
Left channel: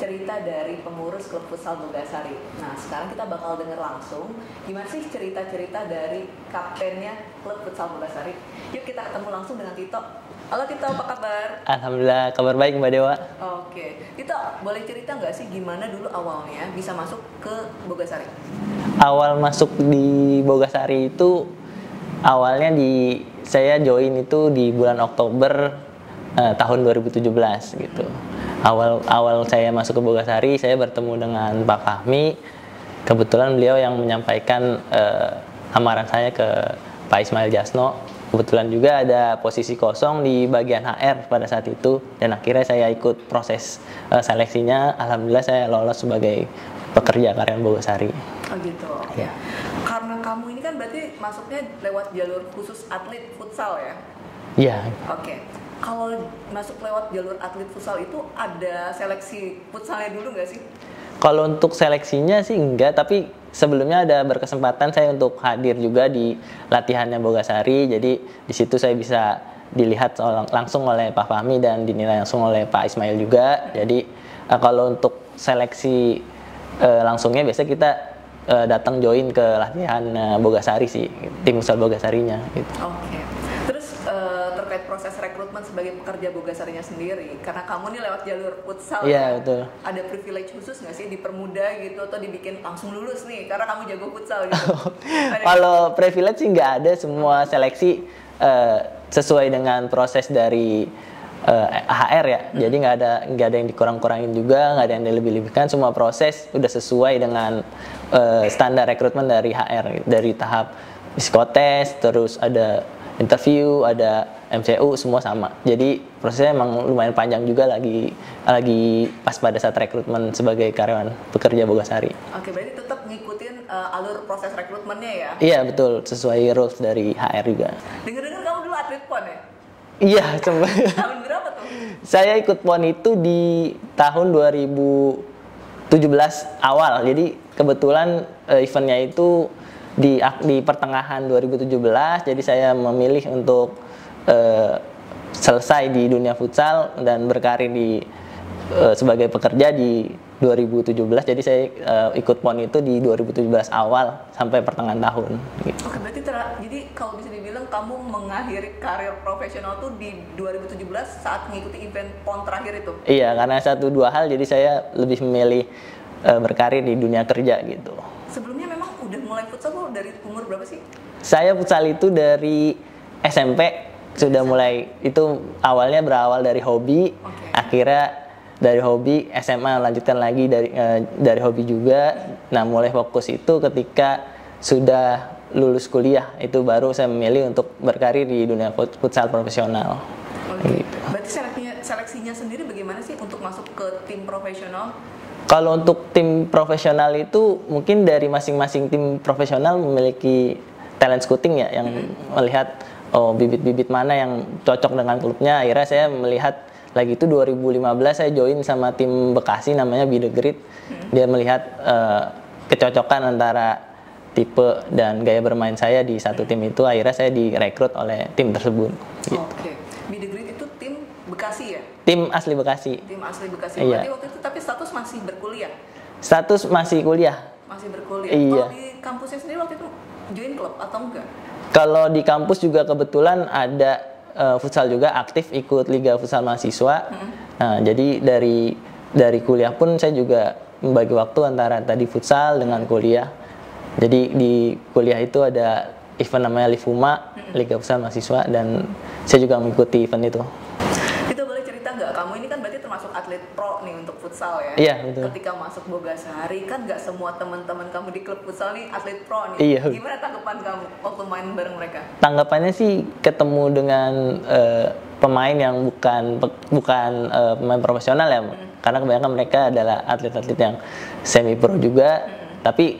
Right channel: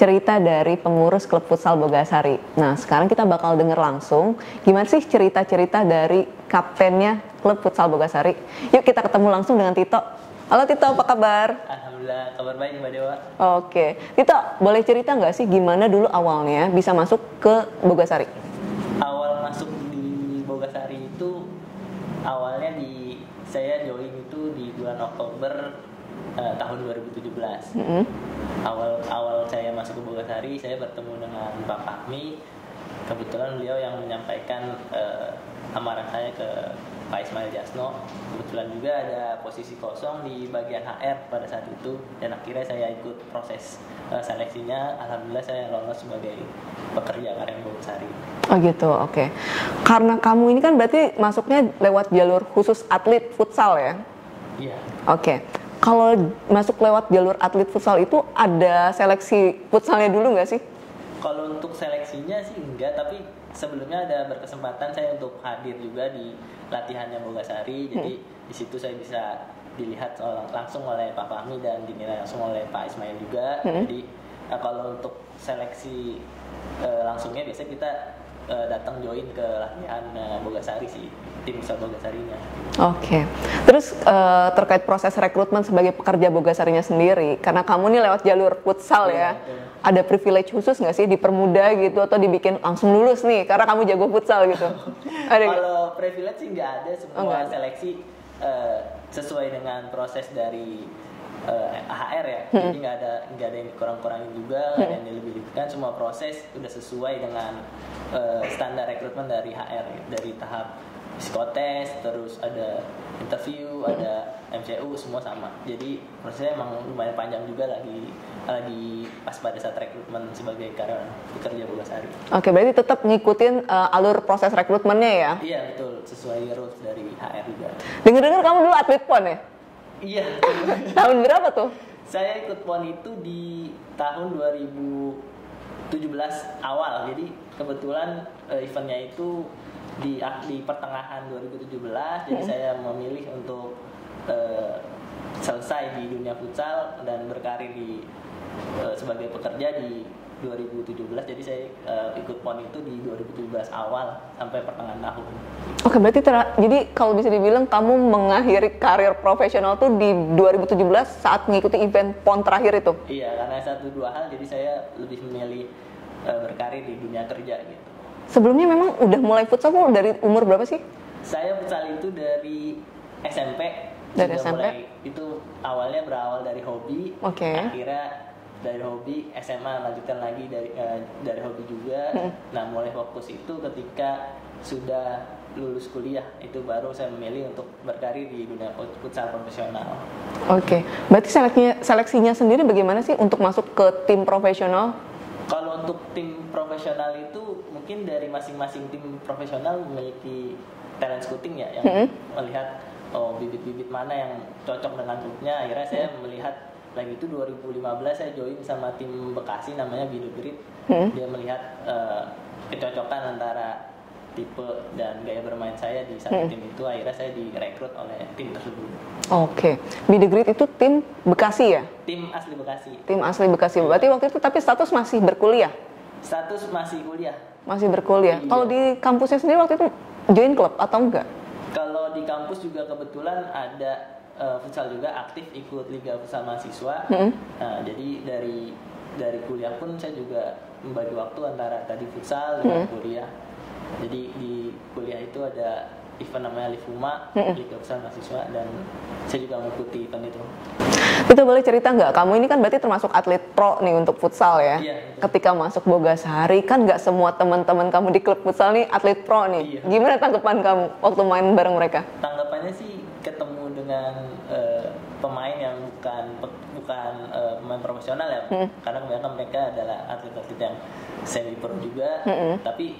cerita dari pengurus klub futsal Bogasari. Nah, sekarang kita bakal dengar langsung gimana sih cerita-cerita dari kaptennya klub futsal Bogasari. Yuk kita ketemu langsung dengan Tito. Halo Tito, apa kabar? Alhamdulillah, kabar baik Mbak Dewa. Oke, Tito, boleh cerita nggak sih gimana dulu awalnya bisa masuk ke Bogasari? Awal masuk di Bogasari itu awalnya saya join itu di bulan Oktober tahun 2017 gitu. Awal saya masuk ke Bogasari, saya bertemu dengan Pak Fahmi. Kebetulan beliau yang menyampaikan lamaran saya ke Pak Ismail Jasno. Kebetulan juga ada posisi kosong di bagian HR pada saat itu, dan akhirnya saya ikut proses seleksinya. Alhamdulillah saya lolos sebagai pekerja karyawan Bogasari. Oh gitu, oke. Karena kamu ini kan berarti masuknya lewat jalur khusus atlet futsal ya? Iya. Oke. Kalau masuk lewat jalur atlet futsal itu ada seleksi futsalnya dulu nggak sih? Kalau untuk seleksinya sih enggak, tapi sebelumnya ada berkesempatan saya untuk hadir juga di latihannya Bogasari. Jadi di situ saya bisa dilihat langsung oleh Pak Fahmi dan dinilai langsung oleh Pak Ismail juga. Jadi kalau untuk seleksi langsungnya biasanya kita datang join ke latihan Bogasari sih, tim futsal Bogasarinya gitu. Oke. Terus terkait proses rekrutmen sebagai pekerja Bogasarinya sendiri, karena kamu nih lewat jalur futsal ya, betul. Ada privilege khusus nggak sih, dipermudah gitu atau dibikin langsung lulus nih karena kamu jago futsal gitu? Kalau privilege sih nggak ada, semua seleksi sesuai dengan proses dari HR ya, jadi nggak ada yang dikurang-kurangin juga, nggak ada yang dilebih-lebihkan, semua proses udah sesuai dengan standar rekrutmen dari HR, dari tahap psikotes, terus ada interview, ada MCU, semua sama. Jadi prosesnya emang lumayan panjang juga, lagi pas pada saat rekrutmen sebagai karyawan pekerja Bogasari. Oke, berarti tetap ngikutin alur proses rekrutmennya ya? Iya betul, sesuai rules dari HR juga. Dengar-dengar kamu dulu atlet PON ya? Iya, coba. Tahun berapa tuh? Saya ikut PON itu di tahun 2017 awal. Jadi kebetulan eventnya itu di pertengahan 2017, jadi saya memilih untuk selesai di dunia futsal dan berkarir sebagai pekerja di 2017. Jadi saya ikut PON itu di 2017 awal sampai pertengahan tahun. Gitu. Oke, berarti jadi kalau bisa dibilang kamu mengakhiri karir profesional tuh di 2017 saat mengikuti event PON terakhir itu? Iya, karena 1-2 hal, jadi saya lebih memilih berkarir di dunia kerja gitu. Sebelumnya memang udah mulai futsal tuh dari umur berapa sih? Saya futsal itu dari SMP. Sudah SMP? mulai, itu awalnya berawal dari hobi, akhirnya dari hobi SMA lanjutkan lagi dari hobi juga. Nah, mulai fokus itu ketika sudah lulus kuliah, itu baru saya memilih untuk berkarir di dunia futsal profesional. Oke. Berarti seleksinya sendiri bagaimana sih untuk masuk ke tim profesional? Kalau untuk tim profesional itu mungkin dari masing-masing tim profesional memiliki talent scouting ya, yang melihat bibit-bibit mana yang cocok dengan klubnya. Akhirnya saya melihat lagi itu 2015 saya join sama tim Bekasi namanya Be The Grit. Dia melihat kecocokan antara tipe dan gaya bermain saya di satu tim itu. Akhirnya saya direkrut oleh tim tersebut. Oke. Be The Grit itu tim Bekasi ya? Tim asli Bekasi. Tim asli Bekasi. Berarti waktu itu tapi status masih berkuliah? Status masih kuliah. Masih berkuliah. Iya. Kalau di kampusnya sendiri waktu itu join klub atau enggak? Kalau di kampus juga kebetulan ada futsal juga, aktif ikut Liga Futsal Mahasiswa. Nah, jadi dari kuliah pun saya juga membagi waktu antara tadi futsal dengan kuliah. Jadi di kuliah itu ada event namanya Livuma, Liga Futsal Mahasiswa, dan saya juga mengikuti event itu. Kita boleh cerita nggak? Kamu ini kan berarti termasuk atlet pro nih untuk futsal ya? Iya, betul. Ketika masuk Bogasari, kan nggak semua teman-teman kamu di klub futsal nih atlet pro nih. Iya. Gimana tanggapan kamu waktu main bareng mereka? Tanggapannya sih ketemu dengan pemain yang bukan pemain profesional ya, karena kebanyakan mereka adalah atlet-atlet yang semi pro juga, tapi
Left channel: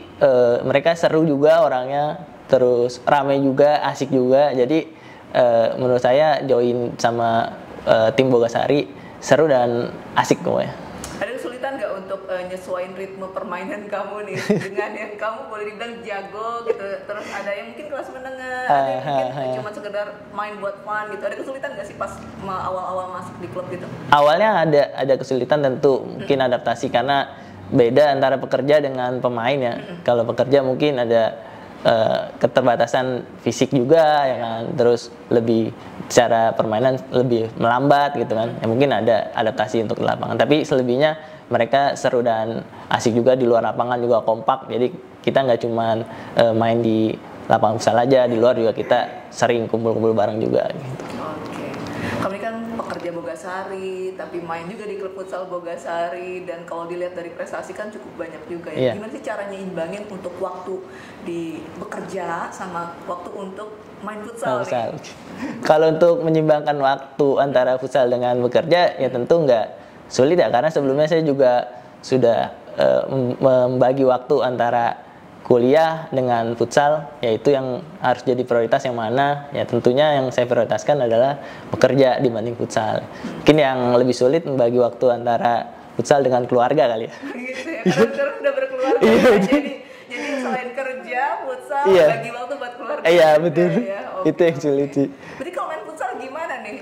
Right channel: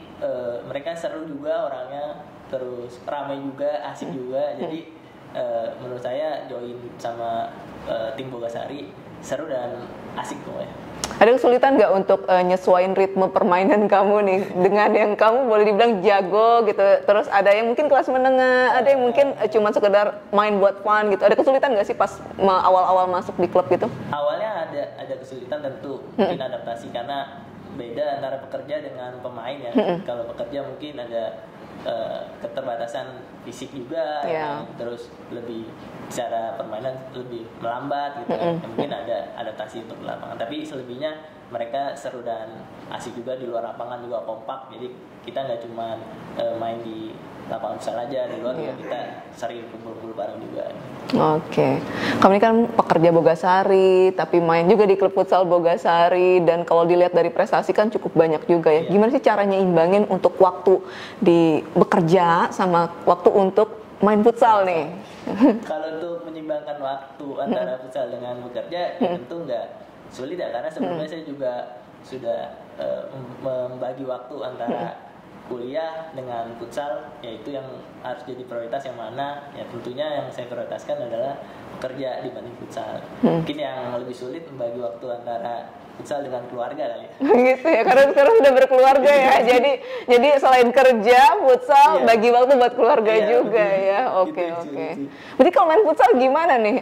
mereka seru juga orangnya, terus ramai juga, asik juga. Jadi menurut saya join sama tim Bogasari seru dan asik pokoknya. Ada kesulitan nggak untuk nyesuaiin ritme permainan kamu nih dengan yang kamu boleh dibilang jago gitu, terus ada yang mungkin kelas menengah, ada yang mungkin cuma sekedar main buat fun gitu. Ada kesulitan nggak sih pas awal-awal masuk di klub gitu? Awalnya ada kesulitan tentu, mungkin adaptasi karena beda antara pekerja dengan pemain ya. Kalau pekerja mungkin ada keterbatasan fisik juga, ya kan? Terus lebih secara permainan lebih melambat gitu kan. Ya, mungkin ada adaptasi untuk lapangan. Tapi selebihnya mereka seru dan asik juga, di luar lapangan juga kompak. Jadi kita nggak cuma main di lapangan futsal aja, di luar juga kita sering kumpul-kumpul bareng juga. Gitu. Oke. Kamu ini kan pekerja Bogasari, tapi main juga di klub futsal Bogasari, dan kalau dilihat dari prestasi kan cukup banyak juga ya. Iya. Gimana sih caranya imbangin untuk waktu di bekerja sama waktu untuk main futsal nih? Kalau untuk menyimbangkan waktu antara futsal dengan bekerja ya tentu nggak sulit ya, karena sebelumnya saya juga sudah membagi waktu antara kuliah dengan futsal, yaitu yang harus jadi prioritas yang mana. Ya tentunya yang saya prioritaskan adalah bekerja dibanding futsal. Mungkin yang lebih sulit membagi waktu antara futsal dengan keluarga kali ya. Gitu ya, karena sekarang sudah berkeluarga ya. Jadi selain kerja, futsal, bagi waktu buat keluarga juga betul. ya. Oke, itu yang sulit sih. Berarti kalau main futsal gimana nih?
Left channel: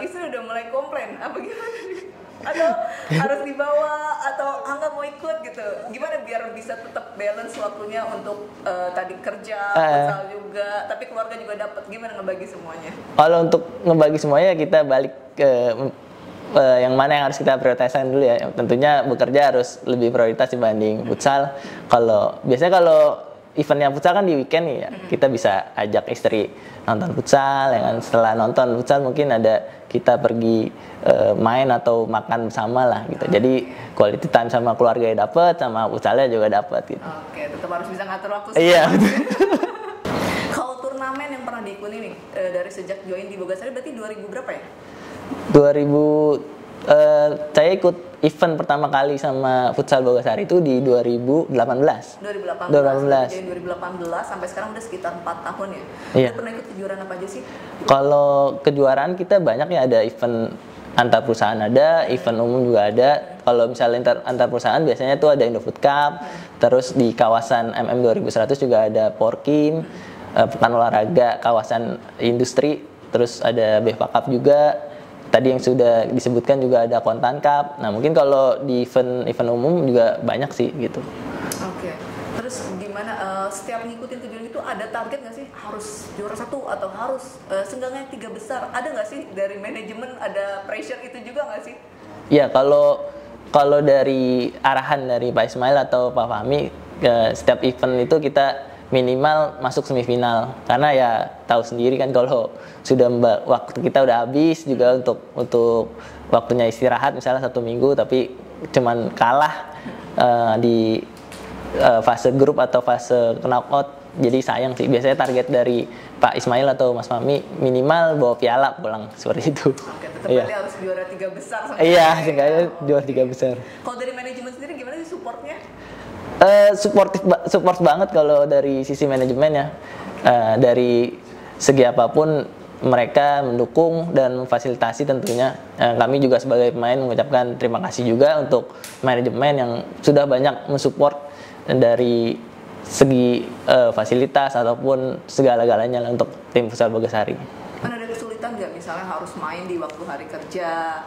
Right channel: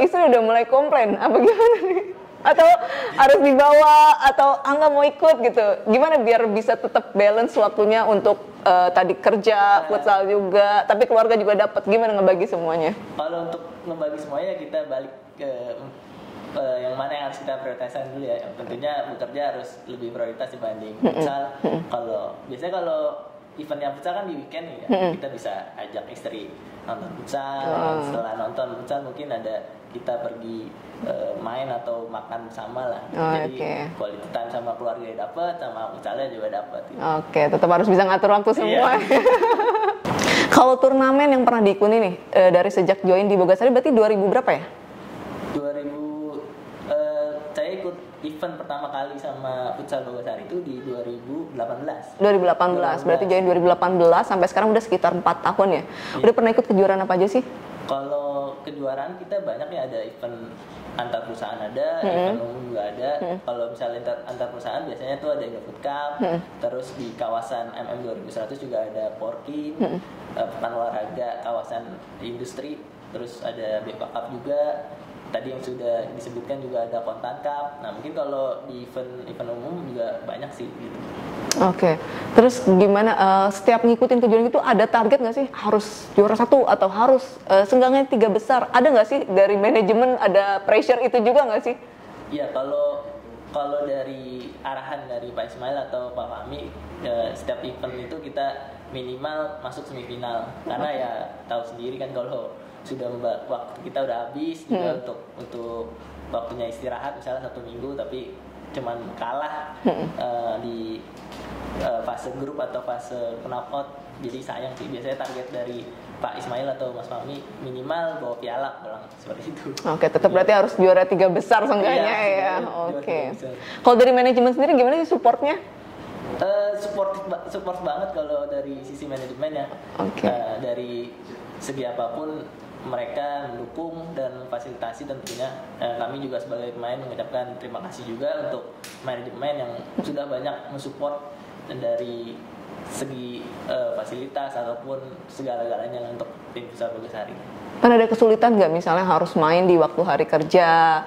Istri udah mulai komplain apa gimana nih? Atau harus dibawa, atau nggak mau ikut gitu? Gimana biar bisa tetap balance waktunya untuk tadi kerja, futsal juga, tapi keluarga juga dapat. Gimana ngebagi semuanya? Kalau untuk ngebagi semuanya kita balik ke yang mana yang harus kita prioritaskan dulu ya. Tentunya bekerja harus lebih prioritas dibanding futsal. Biasanya kalau eventnya futsal kan di weekend nih ya, kita bisa ajak istri nonton futsal. Ya kan? Setelah nonton futsal mungkin ada kita pergi main atau makan bersama lah gitu. Jadi quality time sama keluarga ya dapat, sama futsalnya juga dapat gitu. Oke, tetap harus bisa ngatur waktu semua. Iya. Kalau turnamen yang pernah diikuti nih dari sejak join di Bogasari berarti 2000 berapa ya? 2000 saya ikut event pertama kali sama futsal Bogasari itu di 2018. 2018. Berarti join 2018 sampai sekarang udah sekitar 4 tahun ya. Iya. Udah pernah ikut kejuaraan apa aja sih? Kalau kejuaraan kita banyak ya, ada event antar perusahaan ada, event umum juga ada. Kalau misalnya antar perusahaan biasanya tuh ada Indofood Cup, terus di kawasan MM 2100 juga ada Porkin, pekan olahraga kawasan industri, terus ada BFA Cup juga. Tadi yang sudah disebutkan juga ada Kontan Cup. Nah mungkin kalau di event umum juga banyak sih gitu. Oke. Terus gimana setiap ngikutin kejuaraan itu ada target nggak sih harus juara 1 atau harus seenggaknya 3 besar? Ada nggak sih dari manajemen ada pressure itu juga nggak sih? Ya kalau dari arahan dari Pak Ismail atau Pak Fahmi, setiap event itu kita minimal masuk semifinal, karena ya tahu sendiri kan kalau sudah waktu kita udah habis juga untuk waktunya istirahat misalnya 1 minggu tapi cuman kalah di fase grup atau fase knockout, jadi sayang sih. Biasanya target dari Pak Ismail atau Mas Fahmi minimal bawa piala pulang seperti itu. Oke, tetap berarti harus juara 3 besar seenggaknya. Iya, ya? seenggaknya juara 3 besar. Kalau dari manajemen sendiri gimana sih supportnya? Support banget kalau dari sisi manajemen ya. Dari segi apapun mereka mendukung dan memfasilitasi tentunya. Kami juga sebagai pemain mengucapkan terima kasih juga untuk manajemen yang sudah banyak mensupport dari segi fasilitas ataupun segala-galanya untuk tim futsal Bogasari. Pernah ada kesulitan nggak misalnya harus main di waktu hari kerja,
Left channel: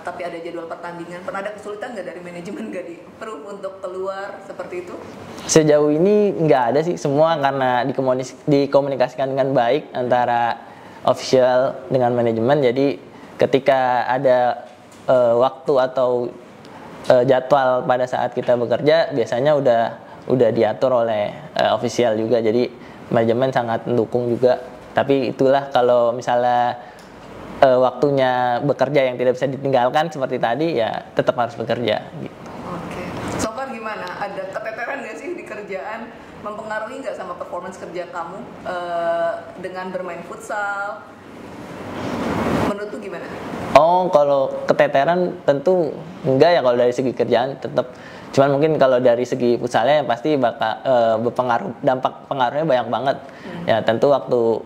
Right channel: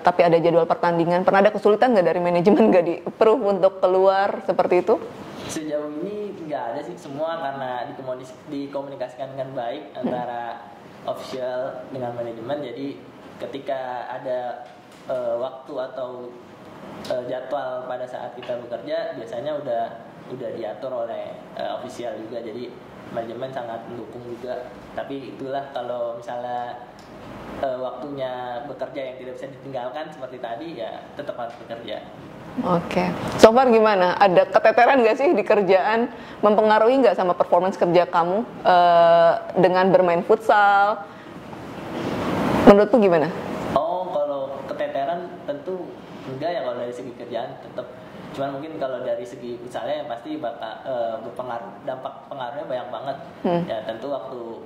tapi ada jadwal pertandingan? Pernah ada kesulitan nggak dari manajemen nggak di-approve untuk keluar seperti itu? Sejauh ini nggak ada sih, semua karena dikomunikasikan dengan baik antara official dengan manajemen. Jadi ketika ada waktu atau jadwal pada saat kita bekerja biasanya udah diatur oleh official juga, jadi manajemen sangat mendukung juga. Tapi itulah kalau misalnya waktunya bekerja yang tidak bisa ditinggalkan seperti tadi, ya tetap harus bekerja gitu. Oke. So far gimana? Ada keteteran nggak sih di kerjaan? Mempengaruhi nggak sama performance kerja kamu dengan bermain futsal? Menurutmu gimana? Oh, kalau keteteran tentu enggak ya kalau dari segi kerjaan, tetap. Cuman mungkin kalau dari segi futsalnya ya pasti bakal berpengaruh, dampak pengaruhnya banyak banget. Ya tentu waktu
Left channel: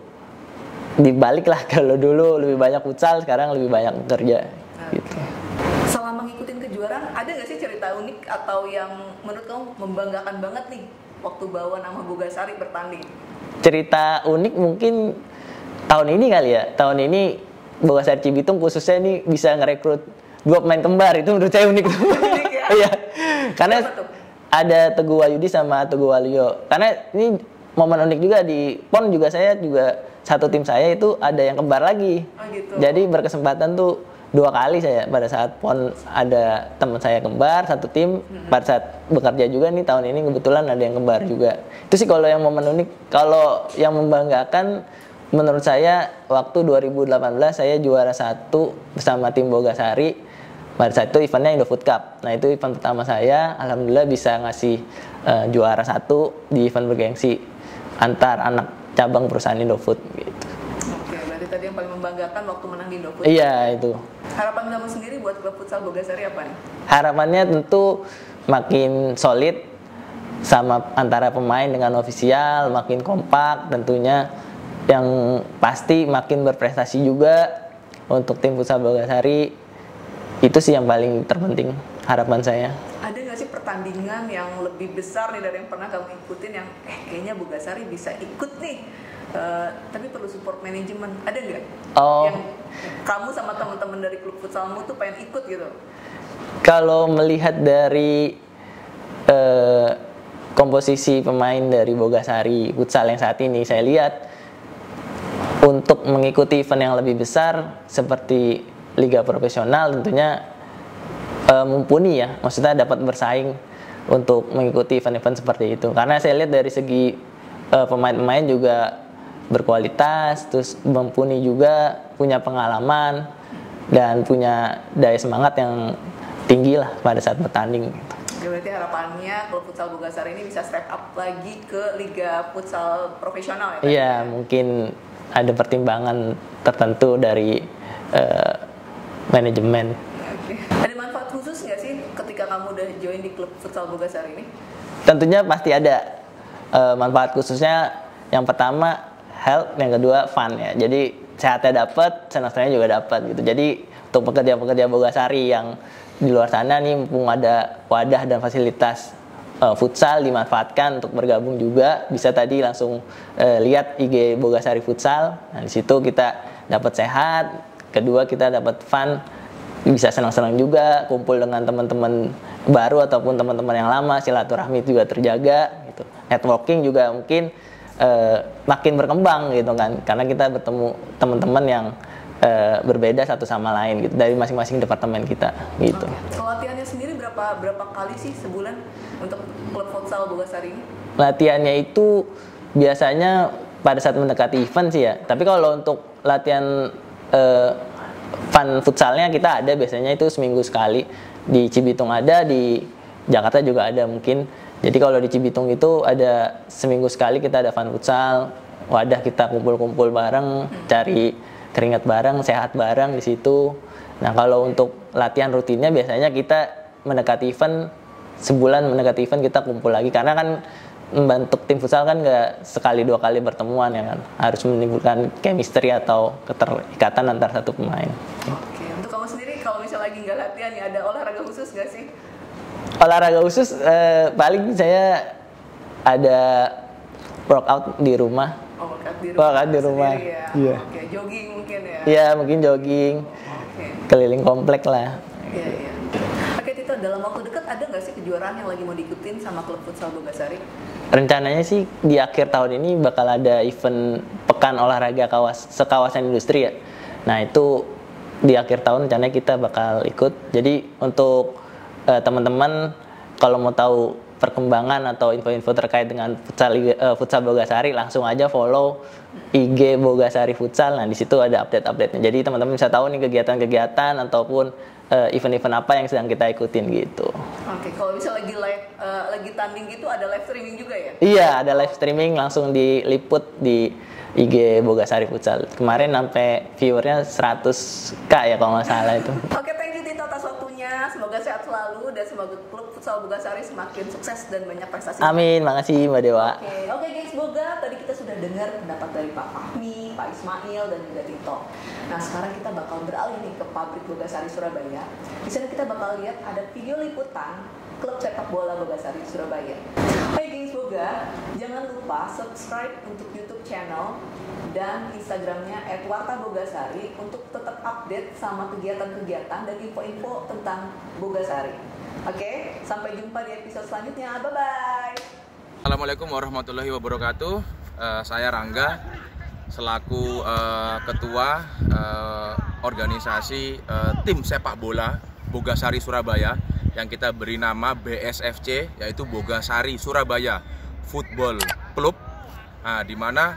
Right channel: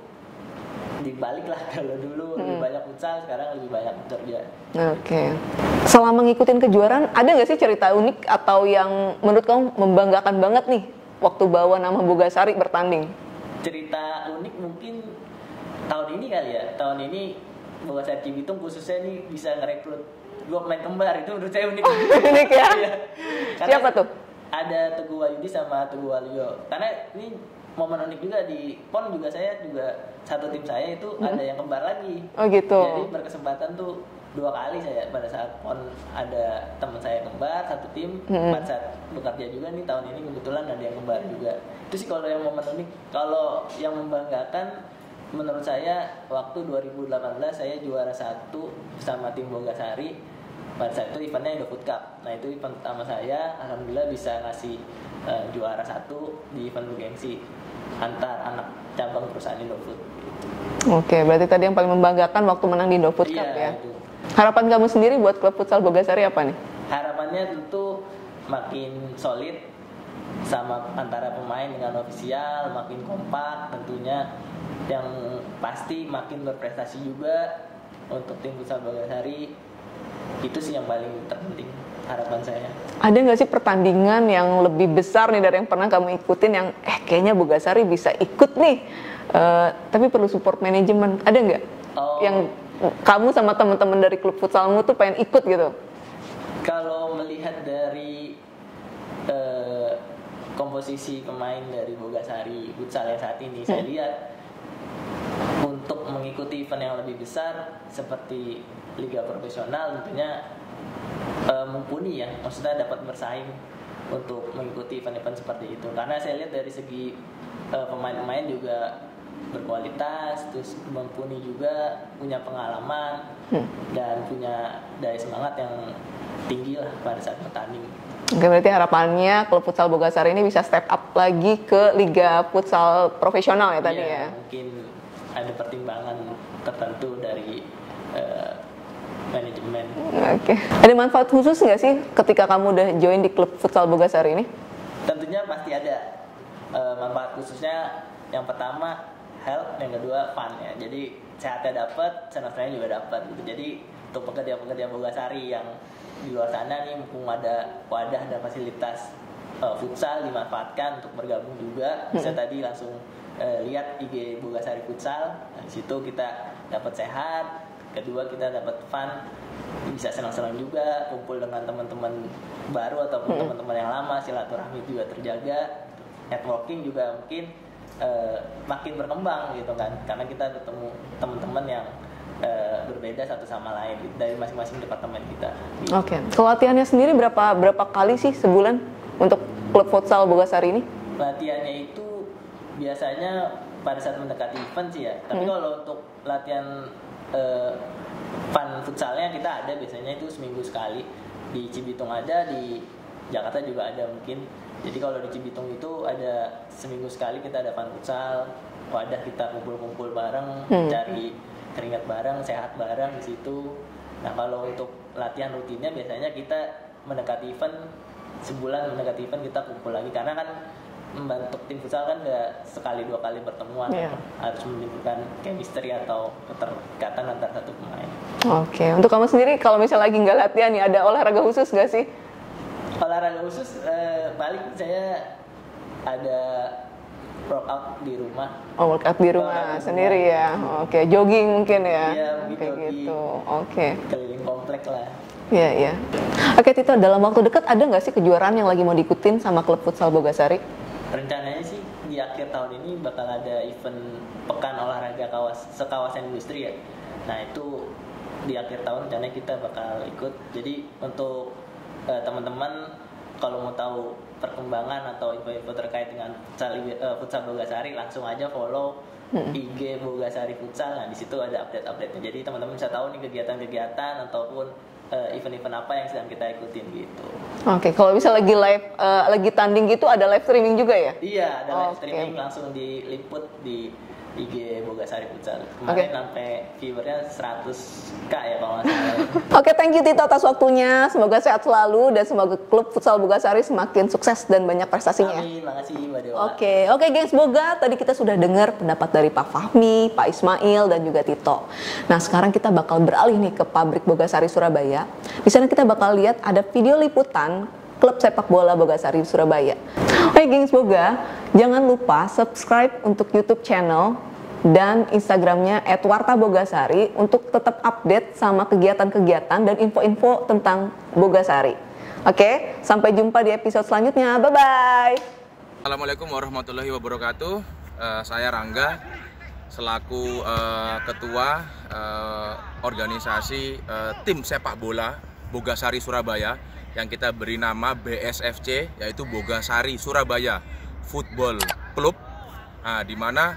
dibalik lah, kalau dulu lebih banyak futsal, sekarang lebih banyak kerja. Oke. Selama ngikutin kejuaraan, ada nggak sih cerita unik atau yang menurut kamu membanggakan banget nih waktu bawa nama Bogasari bertanding? Cerita unik mungkin tahun ini kali ya. Tahun ini Bogasari Cibitung khususnya nih bisa ngerekrut 2 pemain kembar, itu menurut saya unik. Unik ya? Iya. Karena siapa tuh? Ada Teguh Wahyudi sama Teguh Walio. Karena ini momen unik juga di PON juga, saya juga satu tim saya itu ada yang kembar lagi. Oh gitu. Jadi berkesempatan tuh 2 kali saya pada saat PON ada teman saya kembar satu tim, pada saat bekerja juga nih tahun ini kebetulan ada yang kembar juga. Itu sih kalau yang momen unik. Kalau yang membanggakan menurut saya waktu 2018 saya juara 1 bersama tim Bogasari. Pada saat itu eventnya Indofood Cup. Nah itu event pertama saya, alhamdulillah bisa ngasih juara 1 di event bergengsi antar anak cabang perusahaan Indofood gitu. Oke, berarti tadi yang paling membanggakan waktu menang di Indofood Cup. Iya, itu. Harapan kamu sendiri buat klub futsal Bogasari apa nih? Harapannya tentu makin solid sama antara pemain dengan ofisial, makin kompak tentunya. Yang pasti makin berprestasi juga untuk tim futsal Bogasari. Itu sih yang paling terpenting harapan saya. Ada nggak sih pertandingan yang lebih besar nih dari yang pernah kamu ikutin yang kayaknya Bogasari bisa ikut nih, tapi perlu support manajemen? Ada nggak? Yang kamu sama teman-teman dari klub futsalmu tuh pengen ikut gitu? Kalau melihat dari komposisi pemain dari Bogasari futsal yang saat ini, saya lihat untuk mengikuti event yang lebih besar seperti liga profesional tentunya mumpuni ya, maksudnya dapat bersaing untuk mengikuti event-event seperti itu. Karena saya lihat dari segi pemain-pemain juga berkualitas, terus mumpuni juga, punya pengalaman dan punya daya semangat yang tinggi lah pada saat bertanding. Oke, berarti harapannya klub futsal Bogasari ini bisa step up lagi ke liga futsal profesional ya tadi? Iya, mungkin ada pertimbangan tertentu dari manajemen. Oke. Ada manfaat khusus nggak sih ketika kamu udah join di klub futsal Bogasari ini? Tentunya pasti ada manfaat khususnya. Yang pertama health, yang kedua fun ya. Jadi sehatnya dapat, senang-senangnya juga dapat gitu. Jadi untuk pekerja-pekerja Bogasari yang di luar sana nih, mumpung ada wadah dan fasilitas futsal, dimanfaatkan untuk bergabung juga. Bisa tadi langsung lihat IG Bogasari Futsal. Nah, di situ kita dapat sehat, kedua kita dapat fun, bisa senang-senang juga, kumpul dengan teman-teman baru ataupun teman-teman yang lama, silaturahmi juga terjaga gitu. Networking juga mungkin makin berkembang gitu kan, karena kita bertemu teman-teman yang berbeda satu sama lain gitu dari masing-masing departemen kita gitu. Oke. Latihannya sendiri berapa kali sih sebulan untuk klub futsal Bogasari ini? Latihannya itu biasanya pada saat mendekati event sih ya. Tapi kalau untuk latihan fun futsalnya kita ada biasanya itu seminggu sekali. Di Cibitung ada, di Jakarta juga ada mungkin. Jadi kalau di Cibitung itu ada seminggu sekali kita ada fun futsal, wadah kita kumpul-kumpul bareng, cari keringat bareng, sehat bareng di situ. Nah kalau untuk latihan rutinnya biasanya kita mendekati event, sebulan mendekati event kita kumpul lagi, karena kan membentuk tim futsal kan nggak sekali dua kali bertemuan ya kan, harus menimbulkan chemistry atau keterikatan antar satu pemain. Oke, untuk kamu sendiri kalau misalnya lagi nggak latihan nih, ada olahraga khusus nggak sih? Olahraga khusus paling saya ada workout di rumah. Oh, workout di rumah, sendiri ya. Iya. Oke, jogging mungkin ya. Iya, mungkin jogging. Gitu. Oke. Keliling komplek lah. Iya, iya. Oke, Tito, dalam waktu dekat ada nggak sih kejuaraan yang lagi mau diikutin sama klub futsal Bogasari? Rencananya sih di akhir tahun ini bakal ada event pekan olahraga sekawasan industri ya. Nah itu di akhir tahun rencananya kita bakal ikut. Jadi untuk teman-teman kalau mau tahu perkembangan atau info-info terkait dengan futsal Bogasari, langsung aja follow IG Bogasari Futsal. Nah di situ ada update-update-nya. Jadi teman-teman bisa tahu nih kegiatan-kegiatan ataupun event-event apa yang sedang kita ikutin gitu. Oke, kalau bisa lagi live, lagi tanding gitu, ada live streaming juga ya? Iya, ada live streaming langsung diliput di IG Bogasari Futsal. Kemarin sampai viewernya 100k ya kalau nggak salah itu. Oke, thank you Tito atas waktunya. Semoga sehat selalu dan semoga klub futsal Bogasari semakin sukses dan banyak prestasinya. Amin, makasih Mbak Dewa. Oke, gengs Boga, tadi kita sudah dengar pendapat dari Pak Fahmi, Pak Ismail, dan juga Tito. Nah, sekarang kita bakal beralih nih ke pabrik Bogasari Surabaya. Di sana kita bakal lihat ada video liputan klub sepak bola Bogasari Surabaya. Oke, gengs Boga, jangan lupa subscribe untuk YouTube channel dan Instagramnya @wartabogasari untuk tetap update sama kegiatan-kegiatan dan info-info tentang Bogasari. Oke, sampai jumpa di episode selanjutnya. Bye-bye. Assalamualaikum warahmatullahi wabarakatuh. Saya Rangga selaku ketua organisasi tim sepak bola Bogasari Surabaya yang kita beri nama BSFC, yaitu Bogasari Surabaya Football Club. Nah, di mana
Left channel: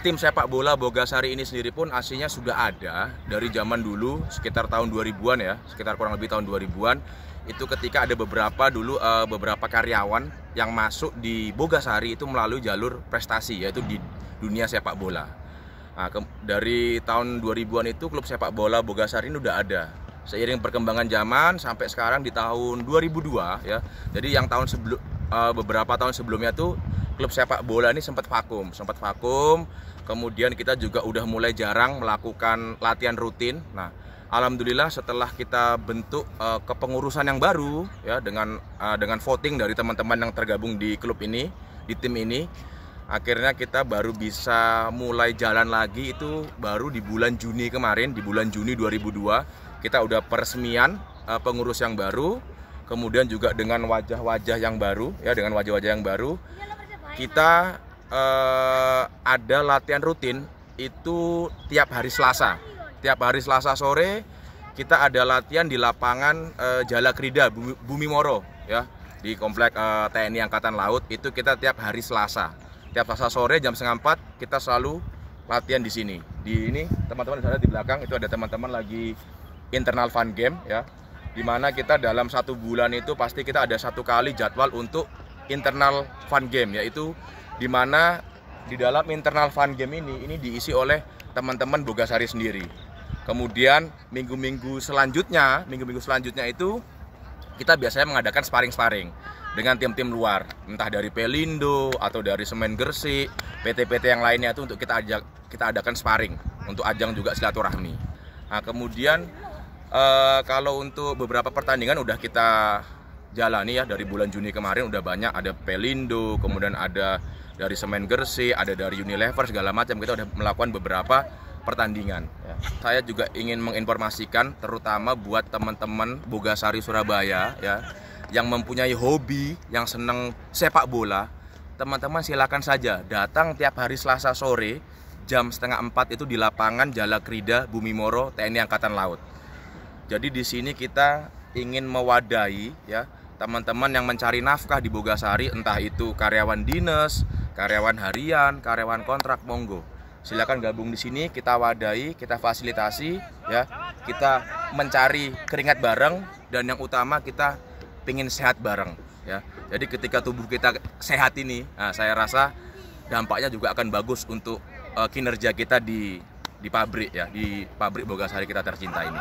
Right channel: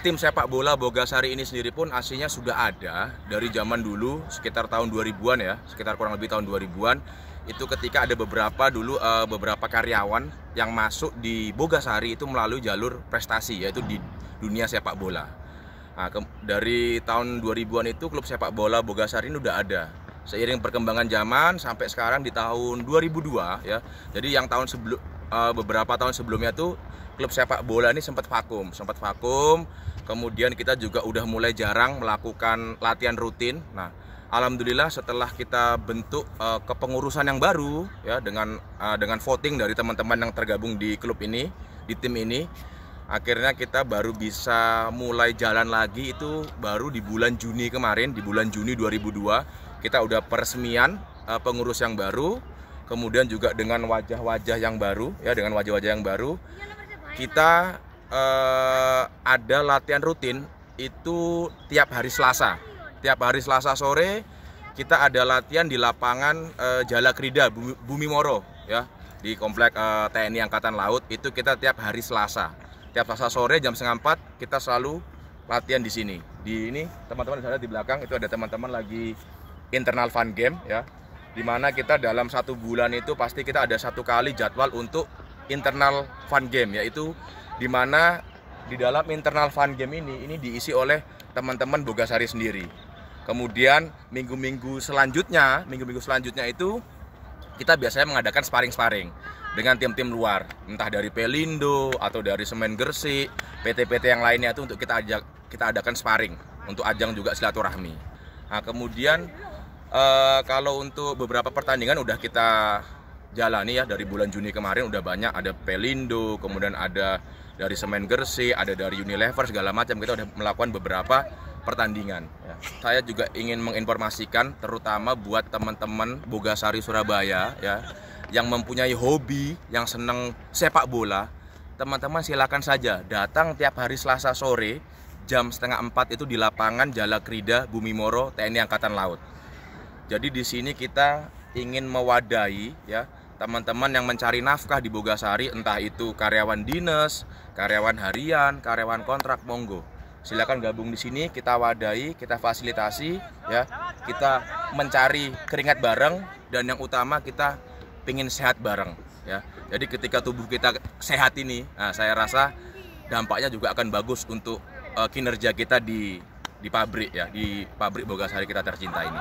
tim sepak bola Bogasari ini sendiri pun aslinya sudah ada dari zaman dulu, sekitar tahun 2000-an ya, sekitar kurang lebih tahun 2000-an. Itu ketika ada beberapa karyawan yang masuk di Bogasari itu melalui jalur prestasi, yaitu di dunia sepak bola. Nah, dari tahun 2000-an itu klub sepak bola Bogasari ini udah ada. Seiring perkembangan zaman sampai sekarang di tahun 2002 ya. Jadi yang beberapa tahun sebelumnya tuh klub sepak bola ini sempat vakum. Kemudian kita juga udah mulai jarang melakukan latihan rutin. Nah, alhamdulillah setelah kita bentuk kepengurusan yang baru ya dengan voting dari teman-teman yang tergabung di klub ini, di tim ini, akhirnya kita baru bisa mulai jalan lagi itu baru di bulan Juni kemarin, di bulan Juni 2002 kita udah peresmian pengurus yang baru, kemudian juga dengan wajah-wajah yang baru ya, dengan wajah-wajah yang baru kita ada latihan rutin itu tiap hari Selasa. Tiap hari Selasa sore kita ada latihan di lapangan Jalakrida Bumi Moro ya, di komplek TNI Angkatan Laut. Itu kita tiap hari Selasa. Tiap Selasa sore jam 3:30 kita selalu latihan di sini. Di ini teman-teman di belakang itu ada teman-teman lagi internal fun game ya, dimana kita dalam 1 bulan itu pasti kita ada 1 kali jadwal untuk internal fun game, yaitu dimana di dalam internal fun game ini diisi oleh teman-teman Bogasari sendiri. Kemudian minggu-minggu selanjutnya itu kita biasanya mengadakan sparring-sparring dengan tim-tim luar, entah dari Pelindo atau dari Semen Gresik, PT-PT yang lainnya itu untuk kita adakan sparring untuk ajang juga silaturahmi. Nah, kemudian Kalau untuk beberapa pertandingan udah kita jalani ya, dari bulan Juni kemarin udah banyak, ada Pelindo, kemudian ada dari Semen Gresik, ada dari Unilever, segala macam. Kita udah melakukan beberapa pertandingan ya. Saya juga ingin menginformasikan terutama buat teman-teman Bogasari Surabaya ya, yang mempunyai hobi, yang senang sepak bola. Teman-teman silakan saja datang tiap hari Selasa sore jam 3:30 itu di lapangan Jalakrida Bumi Moro TNI Angkatan Laut. Jadi di sini kita ingin mewadahi ya teman-teman yang mencari nafkah di Bogasari, entah itu karyawan dinas, karyawan harian, karyawan kontrak, monggo. Silakan gabung di sini, kita wadahi, kita fasilitasi ya. Kita mencari keringat bareng dan yang utama kita pingin sehat bareng ya. Jadi ketika tubuh kita sehat ini, nah, saya rasa dampaknya juga akan bagus untuk kinerja kita di pabrik ya, di pabrik Bogasari kita tercinta ini.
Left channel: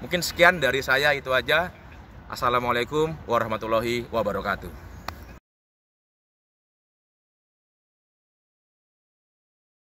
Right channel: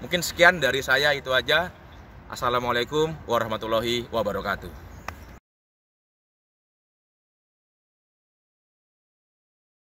Mungkin sekian dari saya, itu aja. Assalamualaikum warahmatullahi wabarakatuh.